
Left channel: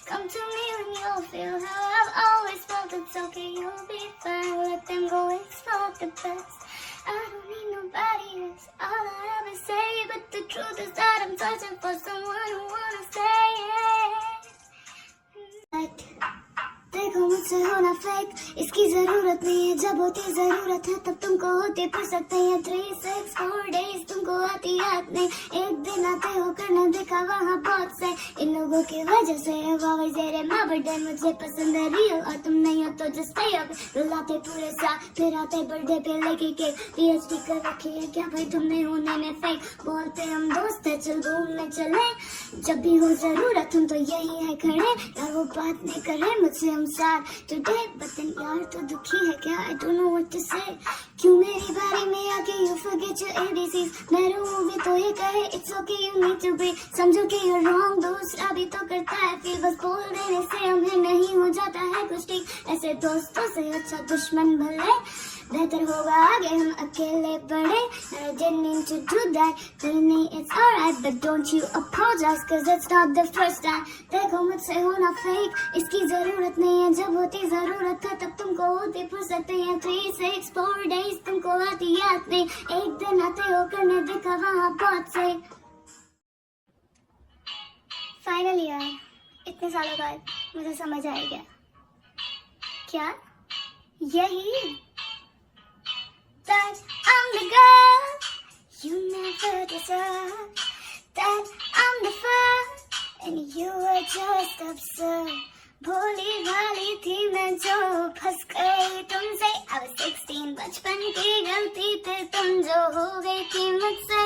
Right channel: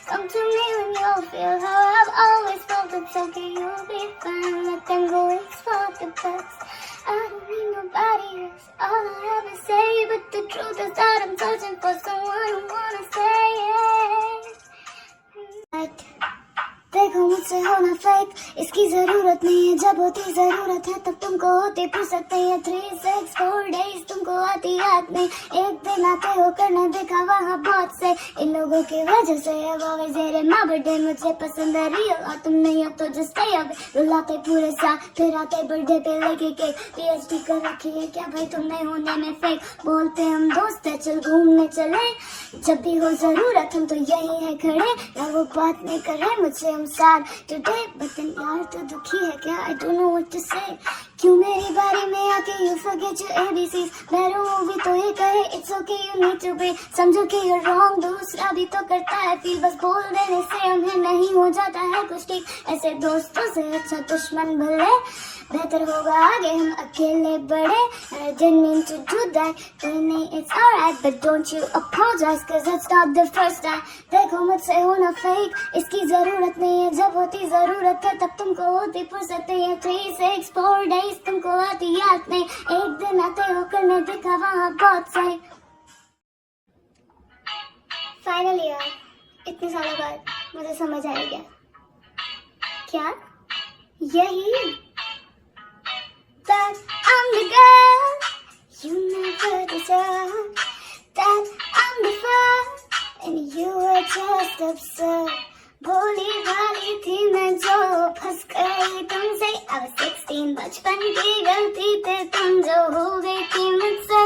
Come to me when you feel how I've always felt. It's okay, you'll be fine. Let them go, it's not the best. I don't need nobody else. All I ever say, but the truth is that I'm searching for someone who wanna say it. देखो मुझसे होना fake, इसकी जरूरत नहीं है. जब होती जरूरत है तब तुमको होते फिर सकते हैं. 3, 6, 4 days तुमको आती याद नहीं. एक दिन आते हो करना देखा वहाँ बहुत से. इन लोगों की वजह से अब आवे जेरे माँ बर्थडे मुझे पसंद है रियल. और तुम नहीं हो तो जस्ट स्टे अवे. रुलाते पूरे साथ फिर आते बर्थडे पे लेके केक. PhD कर रखी है क्या भाई तुमने होने में फेक. बोलते हम दोस्त है चल घूमने चले. जब भी हो जरूरत हम तो यही है खड़े. ना वो बात नहीं करे मुझसे हम sad today, but then यार तो दुखी है क्या? I don't know what to say. क्यों मेरी बारी में आके you forget your ABCs. मैं रहूँ भी तो ये कहे it's okay you need to be. समझो कि you're wrong, दूसरा भी तो करता है feel. बस बोल देने से हमें नहीं हो जाता है कुछ ठीक. ऐसे दोस्तों से अच्छा दुश्मन भले. बेहतर होगा आगे हम अकेले बढ़े. I didn't mean to do that, but नहीं it's alright. But don't you apologize cause it's not the first time. देखो मुझसे होना fake, इसकी जरूरत नहीं है. जब होती जरूरत है तब तुमको होती फुर्सत नहीं है. 3, 6, 4 days तुमको आती याद नहीं. एक दिन आते हो करने देखा वहाँ बहुत सही. फाइनली यार इतने सालों बाद मुझे समझ आ गया. क्या यही that I'm the girl you never deserved, that I'm the fun and you were just absurd. भोली भाली थी मैं जो फंस गई तुमसे. I was 16 बचपन की गलती पे तुम जो हो गई थी मुझसे.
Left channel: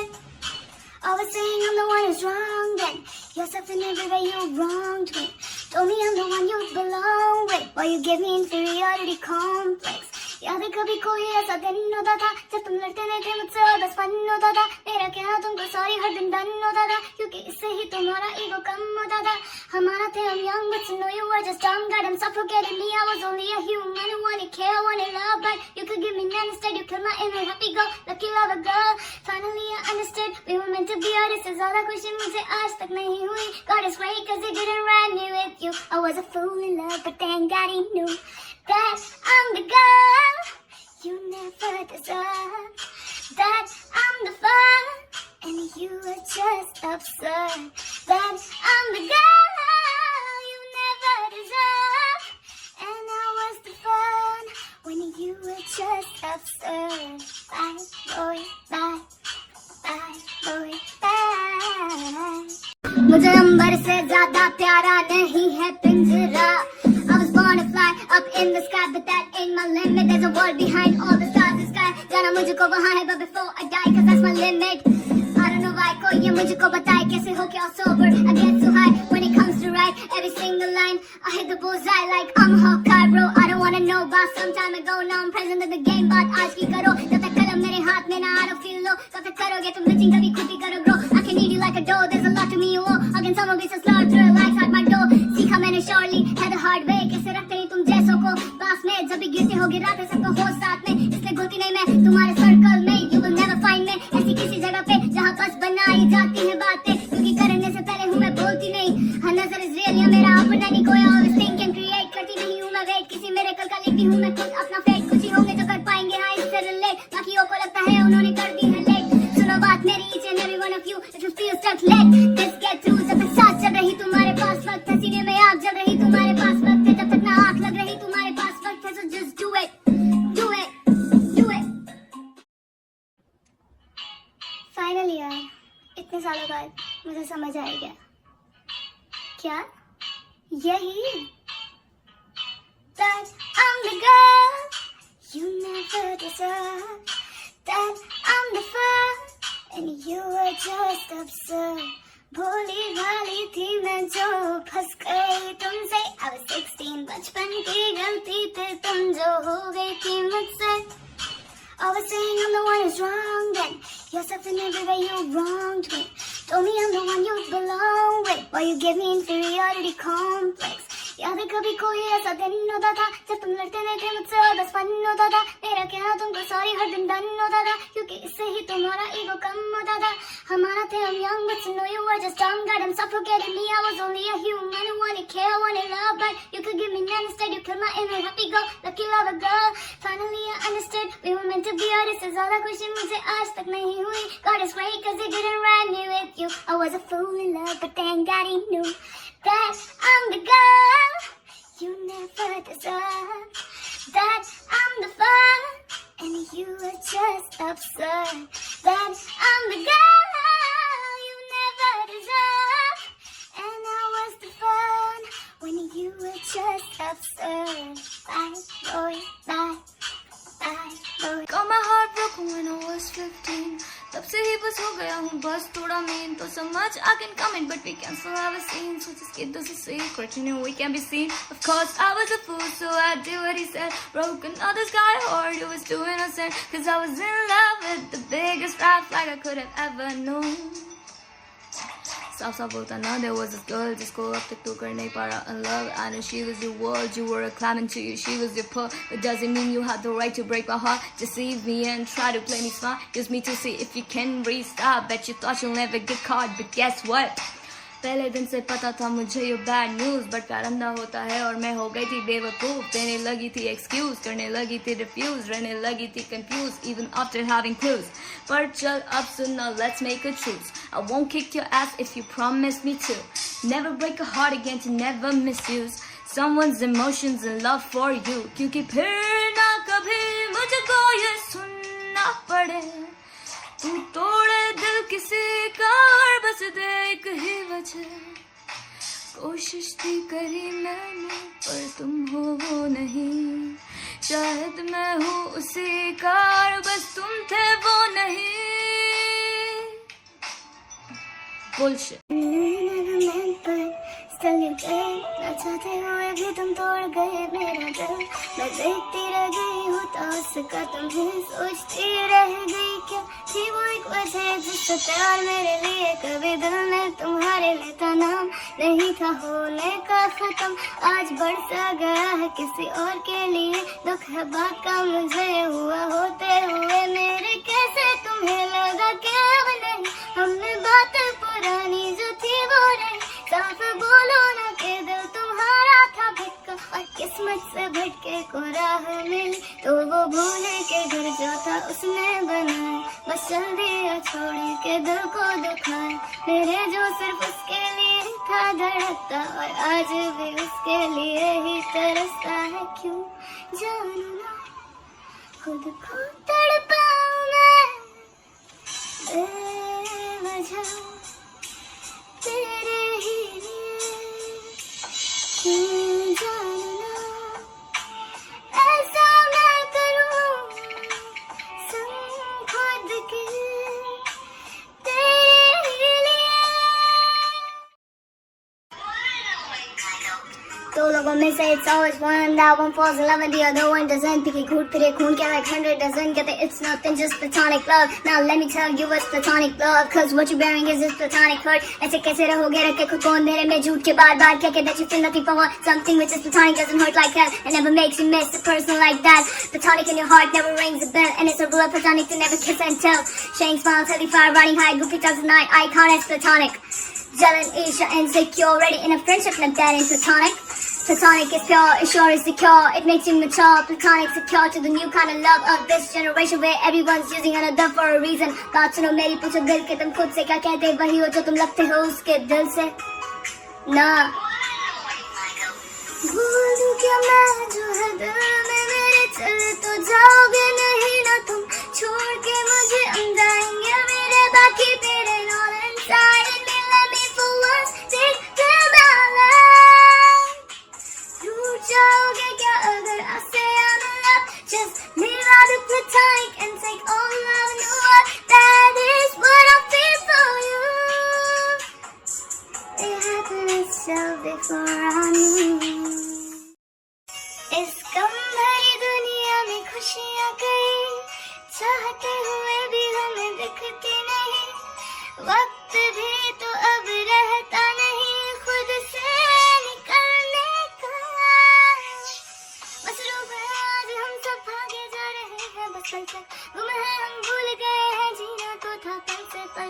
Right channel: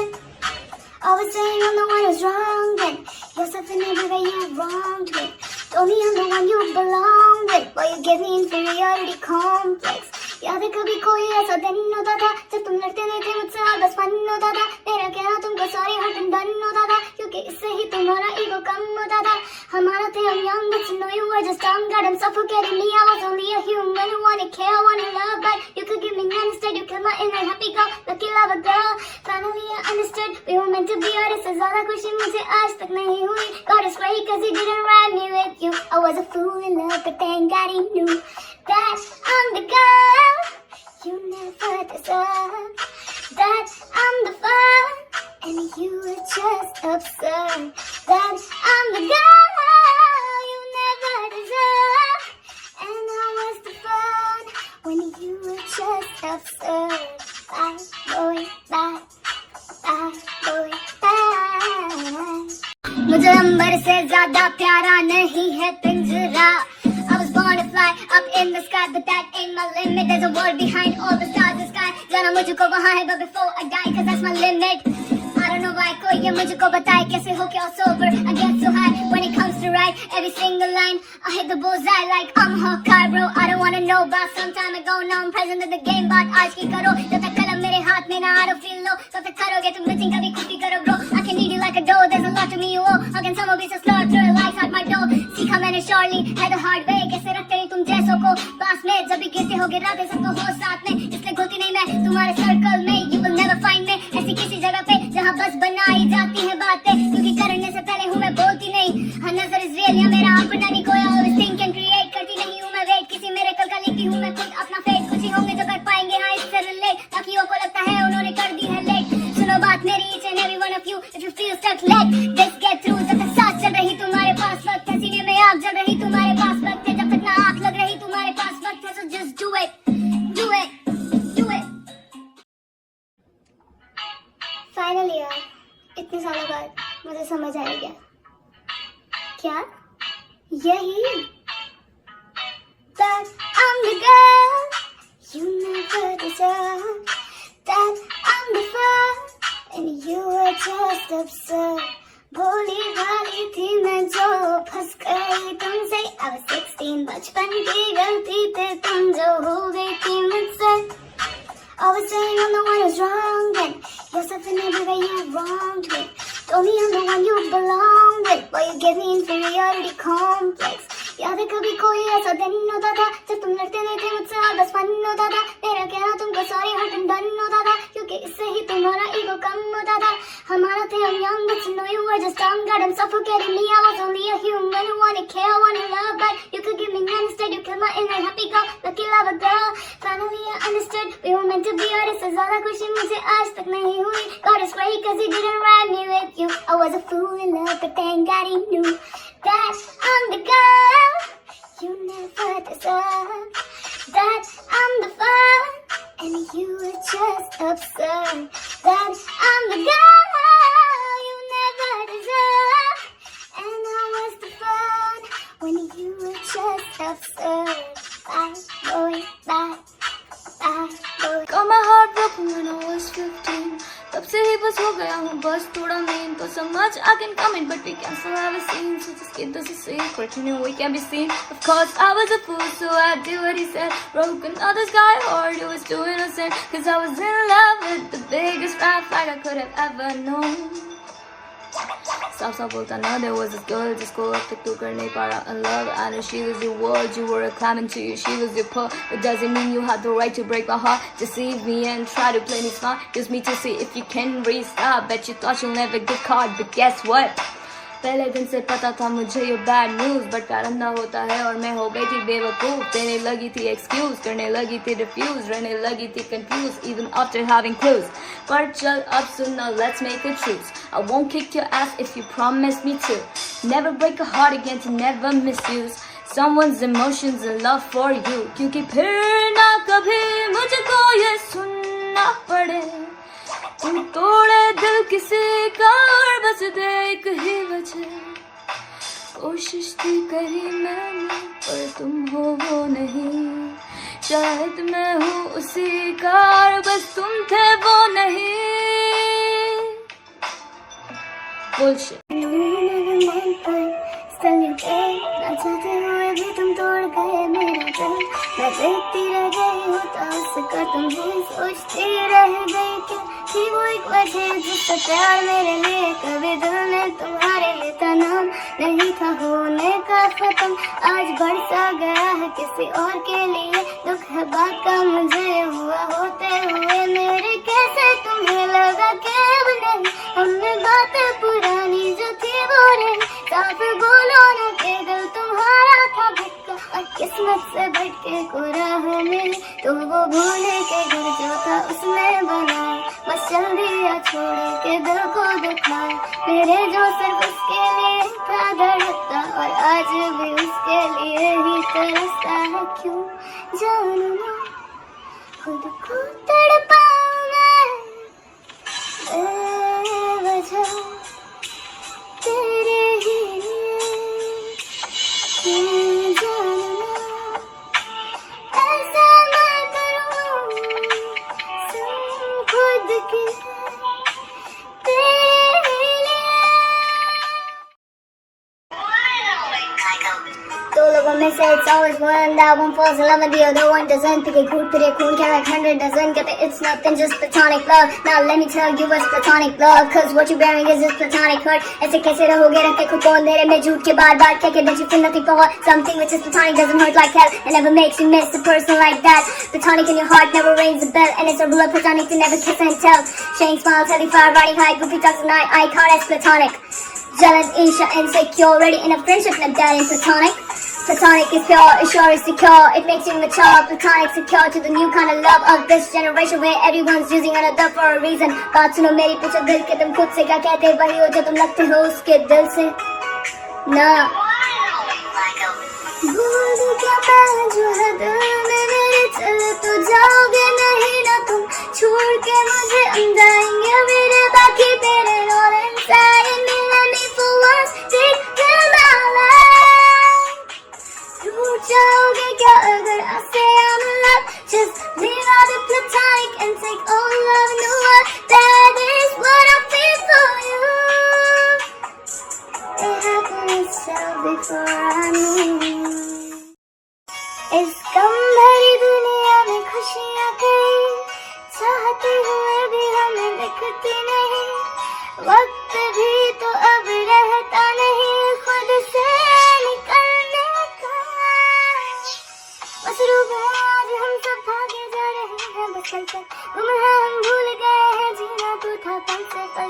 Always saying I'm the one who's wrong then yourself in every way you wronged me. Told me I'm the one you belong with while you gave me inferiority complex. याद है कभी कोई ऐसा दिन होता था जब तुम लड़ते नहीं थे मुझसे और बस फन होता था. मेरा कहना तुमको सॉरी हर दिन डन होता था क्योंकि इससे ही तुम्हारा ईगो कम होता था. हमारा थे हम young but you know you were just dumb. God I'm suffocating me. I was only a human who wanted care, wanted love, but you could give me none. Instead you killed my inner happy girl, lucky lover girl. Finally I understood we were meant to be. और इससे ज़्यादा खुशी मुझे आज तक नहीं हुई. God is great cause he didn't write me with you. I was a fool in love but thank God he knew that I'm the girl you never deserved, that I'm the fun and you were just absurd, that I'm the girl you never deserved, and I was the fun when you were just absurd. Bye boy bye, bye boy bye. मुझे अंबर से ज्यादा प्यारा नहीं है पिंजरा. I was born to fly up in the sky, but that ain't my limit. There's a world behind all the stars in the sky. जाना मुझको वहाँ है, but before I die, cause that's my limit. I don't know why कोई ये मुझको बताए कैसे हो क्या sober. I get so high when it comes to write every single line. I hit the bullseye like I'm Hawkeye, bro. I don't wanna know about some time ago. Now I'm present in the game, but आज की करो. जब तक कलम मेरे हाथ में ना I don't feel low. तब तक करोगे तुम nothing कभी खुद ही करो bro. I can need you like a dough. There's a lot to me you owe. How can someone be so slow through the lights out my door? सीखा मैंने surely है the hard way. कैसे रखते हैं तुम जैसों को पास में. जब भी गिरते हो गिराते सबको हो साथ में. इसलिए घुलती नहीं मैं तुम्हारे सर्कल में. You will never find me ऐसी किसी जगह पे जहाँ बस बनाई जाती है बातें. क्योंकि करने से पहले हूँ मैं बोलती नहीं. हाँ नजर इस रियल या मेरा अपना नहीं कोई. always think and create करती नहीं हूँ मैं वेट किसी मेरे कल का लिखती हूँ मैं खुद अपना फेट. कुछ ही होंगे जो कर पाएंगे हाँ इससे रिलेट. बाकियों को लगता है उन्होंने कर दी है लेट. सुनो बात मेरी each and every one of you. If you feel stuck let this get through. जब तक सांस चल रही तुम्हारे पास वक्त है. सीने में आग जल रही तुम्हारे पास वक्त है. जब तक ना आँख लग रही तुम्हारे पास वक्त है. So just do it, do it, do it. Finally यार इतने सालों बाद मुझे समझ आ गया. क्या यही that I'm the girl you never deserved, that I'm the fun and you were just absurd. भोली भाली थी मैं जो फंस गई तुमसे. I was 16 बचपन की गलती पे तुम जो हो गई थी मुझसे. Always saying I'm the one who's wrong then yourself in every way you wronged me. told me I'm the one you belong with, but you gave me inferiority complex. याद है कभी कोई ऐसा दिन होता था जब तुम लड़ते थे मुझसे और बस फन होता था, मेरा कहना तुमको सॉरी हर दिन डन होता था, क्योंकि इससे ही तुम्हारा ईगो कम होता था. हमारा थे हम young but you know you were just dumb. God, I'm suffocating me. I was only a human who wanted care, wanted love, but you could give me none. Instead you killed my inner happy girl, lucky lover girl. Finally I understood we were meant to be, और इससे ज़्यादा खुशी मुझे आज तक नहीं हुई. God is great 'cause he didn't write me with you. I was a fool in love, but thank God he knew that I'm the girl you never deserved. That I'm the fun and you were just absurd. That I'm the girl you never deserved, and I was the fun when you were just absurd. Bye boy, bye boy. Got my heart broken when I was 15. तब से ही बस हो गया हूँ बस थोड़ा mean. तो so much I can come in, but we can still have a scene. So just keep this a secret, you know we can be seen. Of course I was a fool, so I did what he said. Broke another sky heart, it was too innocent. 'Cause I was in love with the biggest red flag I could have ever known. साफ बोलता ना, there was a girl जिसको अब तक तू कर नहीं पा रहा in love, and she was your world, you were a climbing to you, she was your pearl. It doesn't mean you had the right to break my heart, deceive me and try to play me smart, use me to see if you can restart. Bet you thought you'll never get caught, but guess what? पहले दिन से पता था मुझे ये bad news, but प्यार अंधा होता है और मैं हो गई थी बेवकूफ. देने लगी थी एक्सक्यूज, करने लगी थी रिफ्यूज, रहने लगी थी confuse even after having clues. पर चल अब सुनना, let's make a truth. I won't kick your ass if you promise me to. Never break a heart again, to never misuse someone's emotions and love for you. क्योंकि फिर ना कभी मुझको ये सुनना पड़े तू तोड़े दिल किसी का और बस देख ही वजह. कोशिश थी करी मैंने पर तुम हो वो नहीं, शायद मैं हूँ उसी का और बस तुम थे वो नहीं. Bullshit. ना चाहते हुए भी तुम तोड़ गए मेरा दिल. मैं देखती रह गई हूँ तो उसका तुम भी सोचती रह गई क्या थी वो एक वजह जिसका प्यार मेरे लिए कभी दिल ने तुम्हारे लिए था नाम नहीं था होने का खत्म. आज बरसा गया है किसी और के लिए, दुख है बात का मुझे हुआ होते हुए मेरे. कैसे तुम्हें लगा कि अब नहीं हमने बातें पुरानी जो थी वो रही. साफ बोलो ना कि दिल तुम्हारा था भटका और किस्मत से भटके को राह मिली, तो वो भूल के घर जो था उसमें बनाया. बस चल दिया छोड़ के दिल को दुखाया मेरे जो सिर्फ उसके लिए था धड़कता, और आज भी उसके लिए ही तरसता है. क्यों जानू ना खुद को तड़पाऊं मैं बेवजह तेरे ही लिए. क्यों जानू ना ऐसा मैं करूं सुन खुद की तेरे ही लिए. दो लोगों में से it's always one that one falls in love and the other one doesn't. think it could तेरे खून के like 100 doesn't get it. It's nothing, just platonic love. Now let me tell you what's platonic love, 'cause what you're bearing is just platonic hurt. ऐसे कैसे रहोगे रखे खुद को अंधेरे में झूठ के बार बार क्या that you feel nothing for something which is platonic doesn't hurt like hell and never makes you miss a person like that. Platonic in your heart never rings a bell, and it's a rule of platonic to never kiss and tell. Showing smiles, heavy fire, riding high, goofy tongues at night. Icon is platonic. Jealous, Isha, insecure, ready in a friendship like that is platonic. Platonic is pure, it's sure, it's secure, it makes you mature. Platonic secure to the new kind of love of this generation where everyone's using another for a reason. बात सुनो मेरी, पूछो दिल के तुम खुद से क्या कहते वही हो जो तुम लगते हो उसके दिल से ना. भूल क्या मैं जो है दिल में मेरे चले तो जाओगे नहीं ना तुम छोड़ के मुझे हम जाएंगे मेरे बाकी तेरे all inside and let me for once take them all out. टूट जाओगे क्या अगर I say I'm in love, just leave out the platonic and take all love and know what that is what I feel for you. It happened itself before I knew. इस गम भरी दुनिया में खुशियाँ कई चाहते हुए भी हमें दिखती नहीं. वक्त भी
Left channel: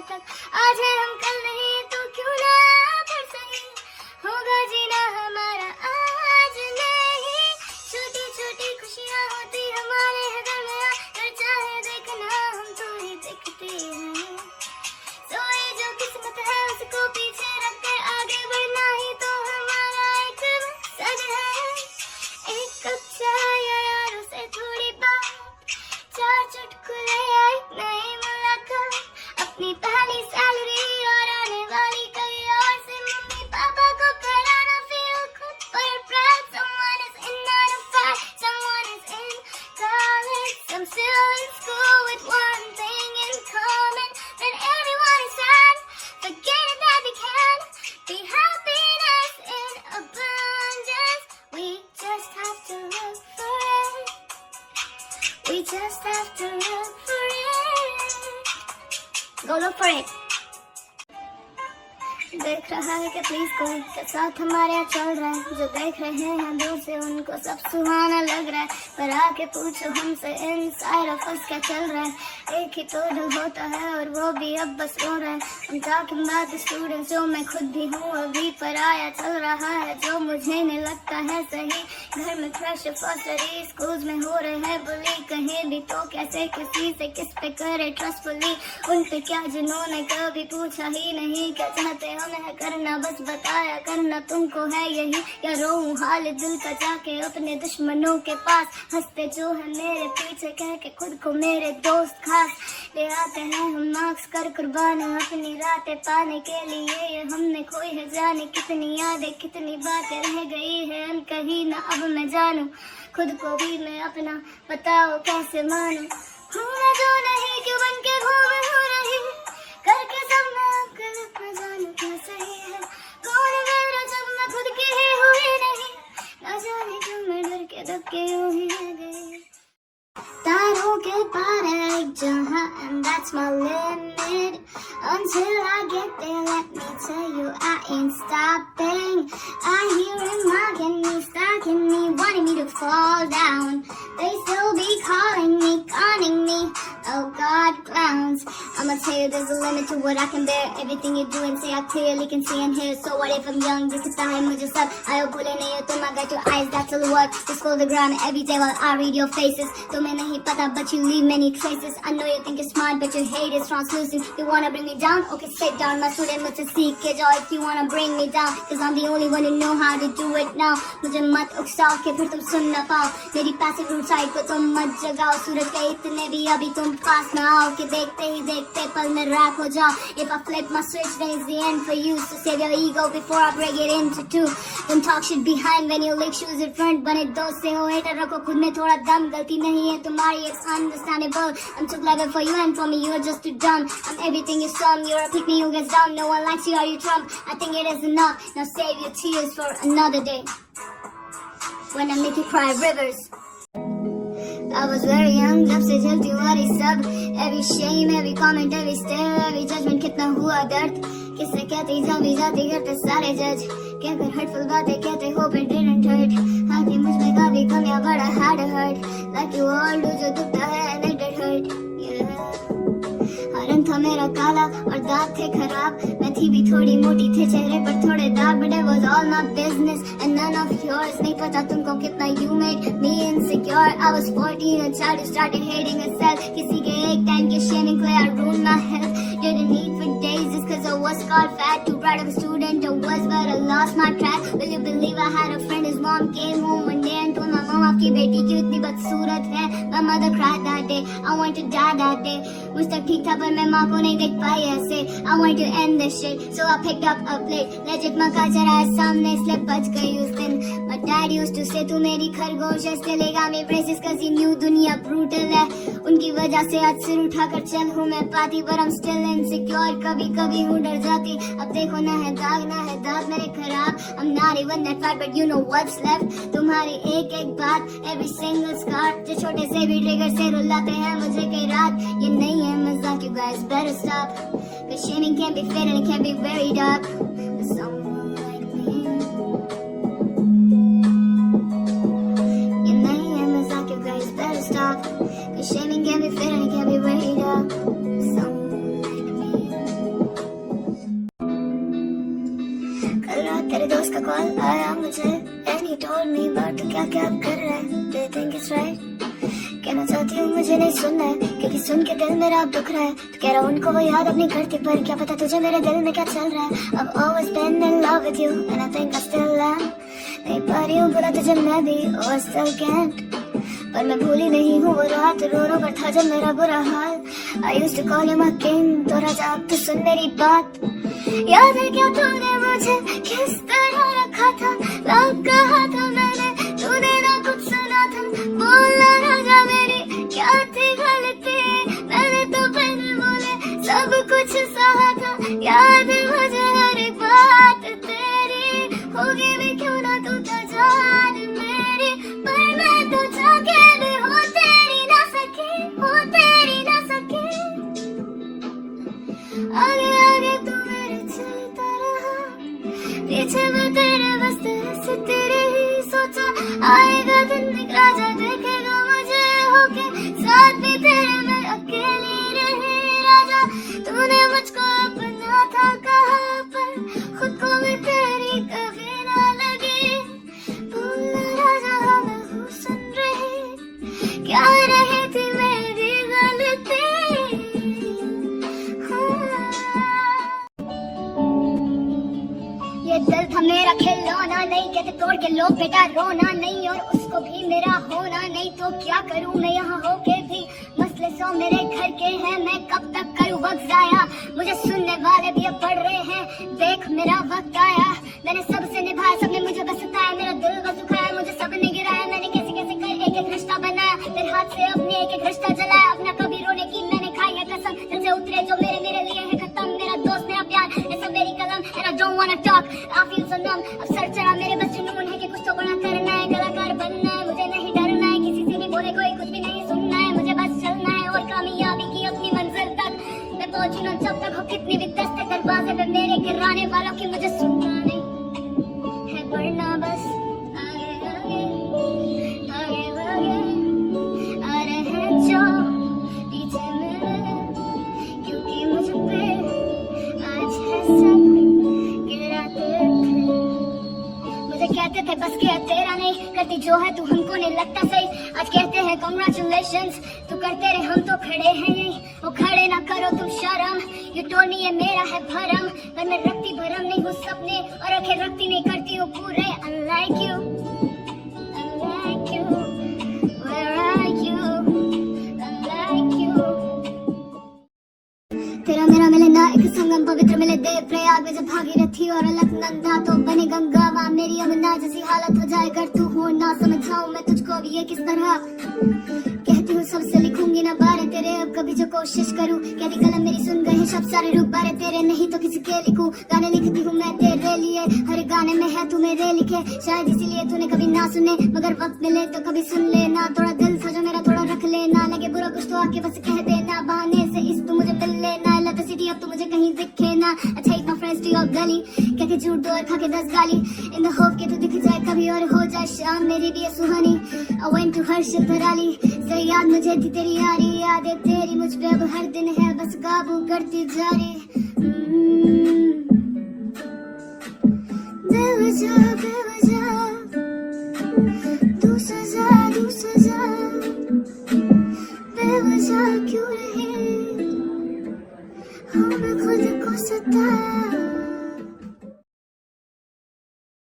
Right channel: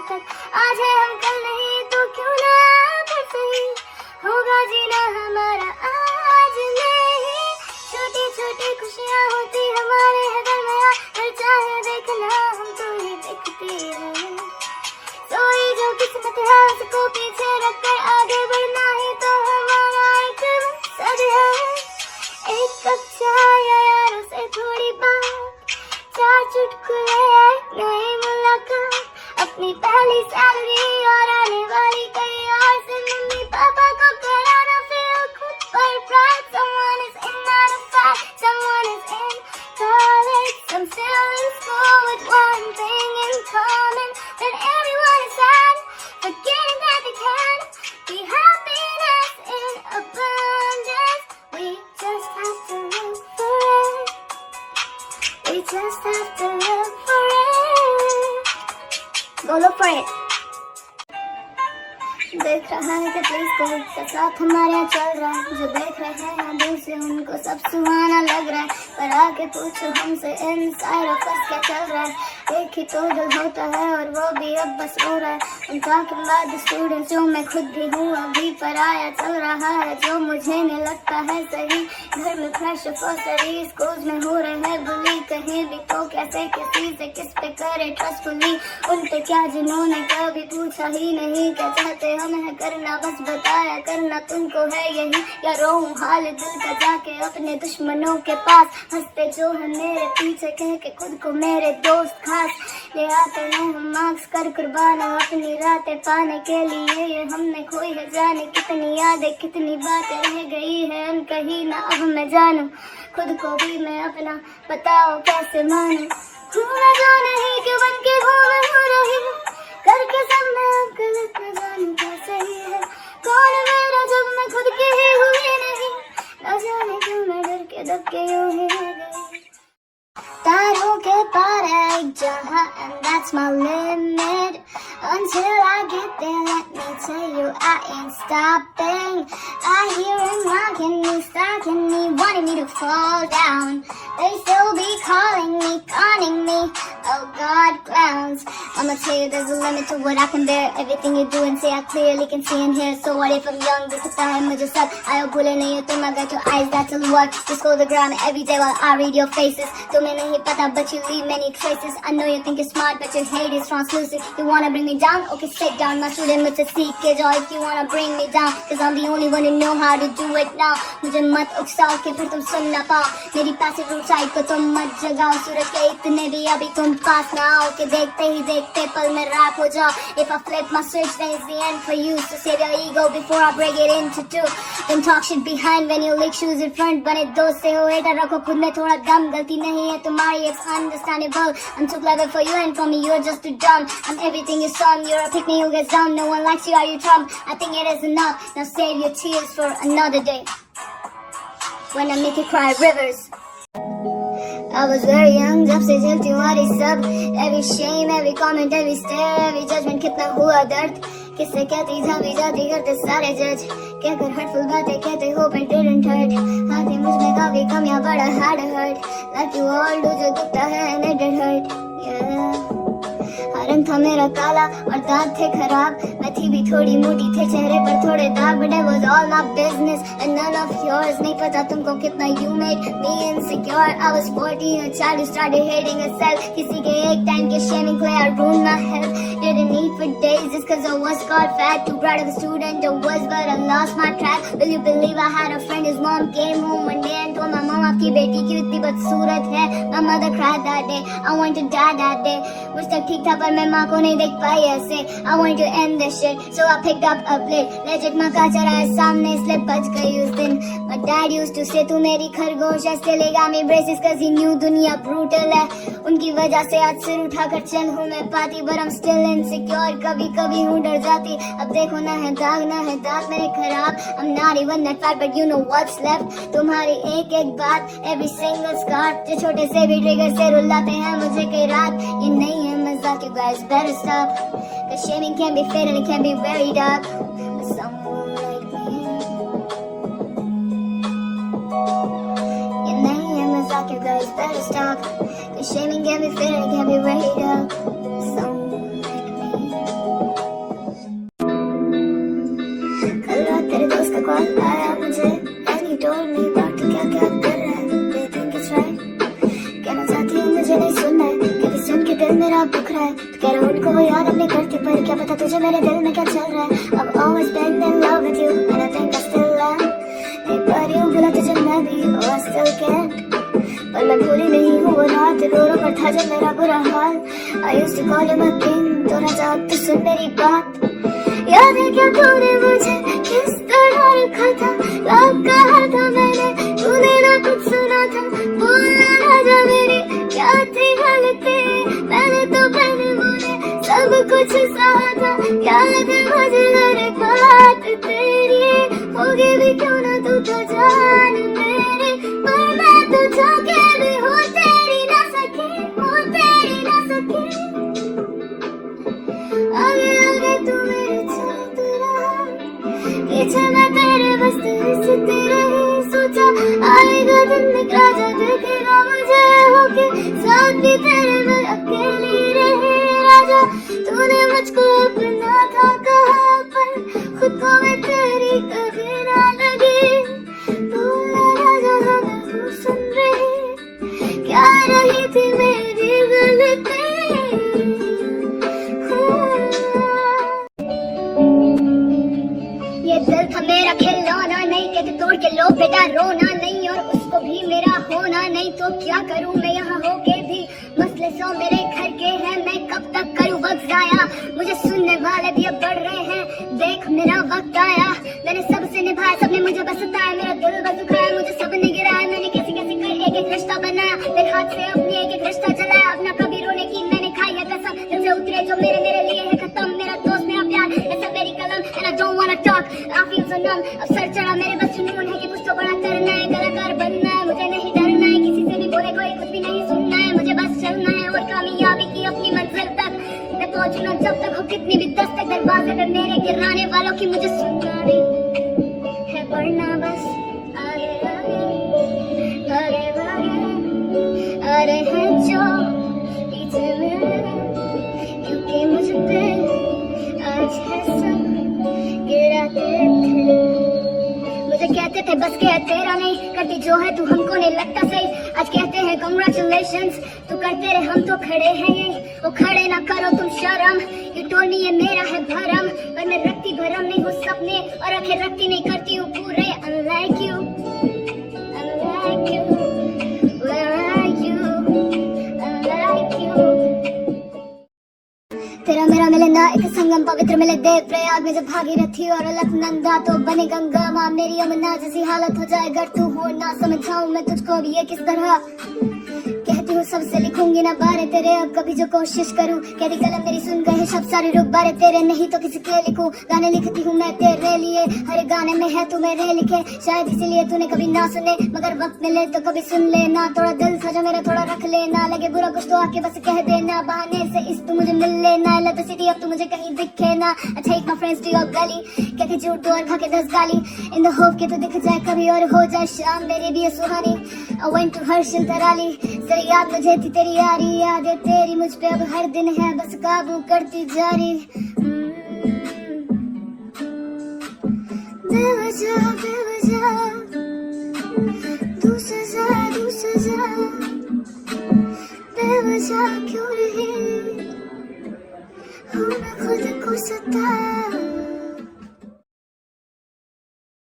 तक आज है हम कल नहीं तो क्यों ना परसों ही होगा जीना हमारा आज नहीं छोटी छोटी खुशियाँ होती हमारे घर में हर चाहे देखना हम तो ही देखते हैं सोई जो किस्मत है उसको पीछे रखकर आगे बढ़ना ही तो हमारा एक मकसद है एक कप चाय या यारों से थोड़ी बात चार चुटकुले एक नई मुलाकात अपनी पहली सैलरी और आने वाली कई और से मम्मी पापा को कराना फील खुद पर pride someone is in on a fact someone is in college some still in school with one thing in common when everyone is sad forgetting that we can be happiness in abundance we just have to look for it we just have to look for it go look for it देख रहा है कि please कोई के साथ हमारे यहाँ चल रहा है जो देख रहे हैं दूर से उनको सब सुहाना लग रहा है पर आके पूछो हमसे इनसाइड ऑफ अस क्या चल रहा है एक ही तो दिल होता है और वो भी अब बस रो रहा है I'm talking about the students जो मैं खुद भी हूँ अभी पर आया चल रहा है जो मुझे नहीं लगता है सही घर में प्रेशर फॉर स्टडी स्कूल्स में हो रहे हैं बुली कहीं भी तो कैसे किसी से किस पे करे ट्रस्टफुली उन पे क्या जिन्होंने कभी पूछा ही नहीं क्या चाहते उन्हें करना बस बताया करना तुमको है यही या रोऊं हाल दिल का जाके अपने दुश्मनों के पास हंसते जो है मेरे पीछे कह के खुद को मेरे दोस्त खास ले आते हैं हम मार्क्स कर कुर्बान अपनी रातें पाने के लिए ये हमने खोई है जाने कितनी यादें कितनी बातें रह गई हैं कहीं ना अब मैं जानूं खुद को भी मैं अपना बताओ कैसे मानूं हूँ मैं जो नहीं कि बन के हूँ मैं हो रही करके सब मैं अब गलत न जानूं क्या सही है कौन है मेरा जब मैं खुद की ही हुई नहीं न जाने क्यों मैं डर के दब के यूं ही रह गई तारों के पार है एक जहां and that's my limit until I get there let me tell you I ain't stopping I hear him mocking me stalking me wanting me to fall down they still be calling me conning me oh God clowns I'ma tell you there's a limit to what I can bear everything you do and say I clearly can see and hear so what if I'm young दिखता है मुझे सब आयो बोले नहीं हो तुम I got your eyes that's a what just scroll the ground every day while I read your faces तुम्हें नहीं पता but you leave many traces I know you think you're smart but your hate is translucent you wanna bring me down okay sit down my student मुझसे सीख के जाओ if you wanna bring me down cause I'm the only one who know how to do it now मुझे मत उकसाओ के फिर तुम सुन ना पाओ मेरी पैसिव रूट साइड को तुम मत जगाओ सूरज के इतने भी अभी तुम पास ना आओ कि देखते ही देखते पल में रैप हो जाओ if I flip my switch then it's the end for you so save your ego before I break it into two then talk shit behind when you lick shoes in front बने दोस्त से हो hater रखो खुद में थोड़ा दम गलती नहीं है तुम्हारी it's understandable I'm too clever for you and for me you're just too dumb I'm everything you're some you're a pick me who gets dumb no one likes you are you Trump I think it is enough now save your tears for another day when I make you cry rivers I was very young जब से झेलती हूँ हरी सब every shame every comment every stare every judgment कितना हुआ दर्द किससे कहती जाती जाती करते सारे जज कहकर hurtful बातें कहते hope it didn't hurt आती मुझ में काफी कमियां बड़ा hard hurt like you all do जो दुखता है and it did hurt yeah रंग था मेरा काला और दांत थे खराब मैं थी भी थोड़ी मोटी थे चेहरे पर थोड़े दाग but it was all my business and none of yours नहीं पता तुमको कितना you made me insecure I was 14 a child who started hating herself किसी के एक टाइम के shaming play I ruined my health didn't eat for days just cause I was called fat too bright of a student I was but I lost my track will you believe I had a friend his mom came home one day and told my mom आपकी बेटी की इतनी बदसूरत है my mother cried that day I wanted to die that day मुझ तक ठीक था पर मैं माँ को नहीं देख पाई ऐसे I wanted to end this shit so I picked up a plate legit माँ का चराया सामने इसलिए बच गई उस दिन my dad used to say तू मेरी खरगोश है still he got me braces cause he knew दुनिया brutal है उनकी वजह से आज सिर उठाकर चल हूँ मैं पाती but I'm still insecure कभी कभी हूँ डर जाती अब देखो ना है दाग ना है दांत मेरे खराब I'm not even that fat but you know what's left तुम्हारी एक एक बात every single scar जो छोटे से भी ट्रिगर से रुलाते हैं मुझे कई रात ये नहीं है मजाक you guys better stop cause shaming can be fatal and it can be very dark for someone like me ये नहीं है मजाक you guys better stop cause shaming can be fatal and it can be very dark for someone like me call आया मुझे and he told me बात तो क्या क्या कर रहा है, do you think it's right? कहना चाहती हूँ मुझे नहीं सुनना है, क्योंकि सुन के दिल मेरा दुख रहा है। तो कह रहा हूँ उनको वो याद अपनी करती, पर क्या पता तुझे मेरे दिल में क्या चल रहा है। I've always been in love with you and I think I still am। नहीं पा रही हूँ बोला तुझे मैं भी, oh I still can't। पर मैं भूली नहीं हूँ वो रात, रो रो कर था जब मेरा बुरा हाल। I used to call you my king, तो राजा अब तो सुन मेरी बात। याद है क्या तूने मुझे किस तरह रखा था, लव कहा था मैंने, तूने ना कुछ सुना था। बोला राजा मेरी क्या थी गलती, मैंने तो पहले बोले सब कुछ सहा था। याद है मुझे हर बात तेरी, होगी भी क्यों ना तू तो जान मेरी, पर मैं तो जाके भी हूँ तेरी ना सके, हूँ तेरी ना सके। आगे आगे तू मेरे चलता रहा, पीछे मैं तेरे बस हंसती रही। सोचा आएगा दिन निकला जो देखेगा मुझे होके साथ भी तेरे, मैं अकेली रही। राजा तूने मुझको अपना था कहा, पर खुद को मैं तेरी कभी ना लगी। बोला राजा हाँ मैं हूँ सुन रही, क्या रही थी मेरी गलती। ये दिल था मेरा खिलौना नहीं, कहते तोड़ के लो बेटा रोना नहीं, और उसको भी मेरा होना नहीं। तो क्या करूं मैं यहाँ होके भी, मसले सौ मेरे घर के हैं, मैं कब तक करूं वक्त जाया। मुझे सुनने वाले भी अब बढ़ रहे हैं, देख मेरा वक्त आया। मैंने सबसे निभाया, सबने मुझे बस सताया, मेरा दिल बस दुखाया, मुझे सबने गिराया। मैंने कैसे कैसे कर एक एक रिश्ता बनाया, मेरे हाथ से अपने एक एक रिश्ता चलाया। अपना कभी रोने की मैंने खाई है कसम, दिल से उतरे जो मेरे मेरे लिए है खत्म। मेरा दोस्त मेरा प्यार ऐसा मेरी कलम, and I don't wanna talk, I feel so numb। अब सर चढ़ा मेरे बस जुनून है कि कुछ तो बड़ा करना है, कलाकार बनना है। मुझे नहीं डरना है, किसी से भी बोले कोई कुछ भी नहीं सुनना है। मुझे बस चलना है और कामयाबी की अपनी मंजिल तक मैं पहुंचूं ना, जब तक हो कितनी भी दस्तक दरवाजे पे मेरे गिराने वालों की मुझे सुनना नहीं है, बढ़ना बस आगे आगे आगे आगे। आ रहे हैं जो पीछे मेरे, क्योंकि मुझ पे आज है सब गिराते थे। मुझे कहते थे बस क्या तेरा नहीं, करती जो है तू हमको नहीं लगता सही। आज कहते हैं कांग्रेचुलेशंस, तो करते रहे हम तो खड़े हैं यही। वो खड़े ना करो तुम शर्म, ये टोनी ये मेरा है भरम, पर मैं रखती भरम नहीं हूँ सपने, और आखिर रखती नहीं करती हूँ पूरे। Unlike you, unlike you, where are you, unlike you। तेरा मेरा मिले ना एक संगम, पवित्र मिले देव प्रयाग में जब भागीरथी और अलकनंदा, तो बने गंगा माँ मेरी यमुना। जैसी हालत हो जाए अगर तू हो ना, समझाऊं मैं तुझको अब ये किस तरह। कहती हूँ सबसे लिखूंगी ना बारे तेरे, अब कभी जो कोशिश करूं, कहती कलम मेरी सुन गए शब्द सारे रुक बारे तेरे, नहीं तो किसी के लिखूं। गाने लिखती हूँ मैं तेरे लिए, हर गाने में है तू मेरे लिखे, शायद इसीलिए तूने कभी ना सुने, मगर वक्त मिले तो कभी सुन लेना। थोड़ा दिल था जो मेरा थोड़ा रख लेना, लगे बुरा कुछ तो आके बस कह देना, बहाने से इस तू मुझे मिल लेना। इलेक्ट्रिसिटी अब तू मुझे कहीं दिखे ना, अच्छा एक फ्रेंड्स टू योर गली, कहती झूठ दो और खा के 10 गाली, इन द होप के तो दिख जाए कभी और हो जाए शाम मेरी भी ये सुहानी। I went to Harshal Dharali, तेरी याद मुझे थी तेरी यारी, यादें तेरी मुझ पे अब हर दिन है, बस काबू करती जारी। बेवजह बेवजह तू सजा बेवजह क्यों रही।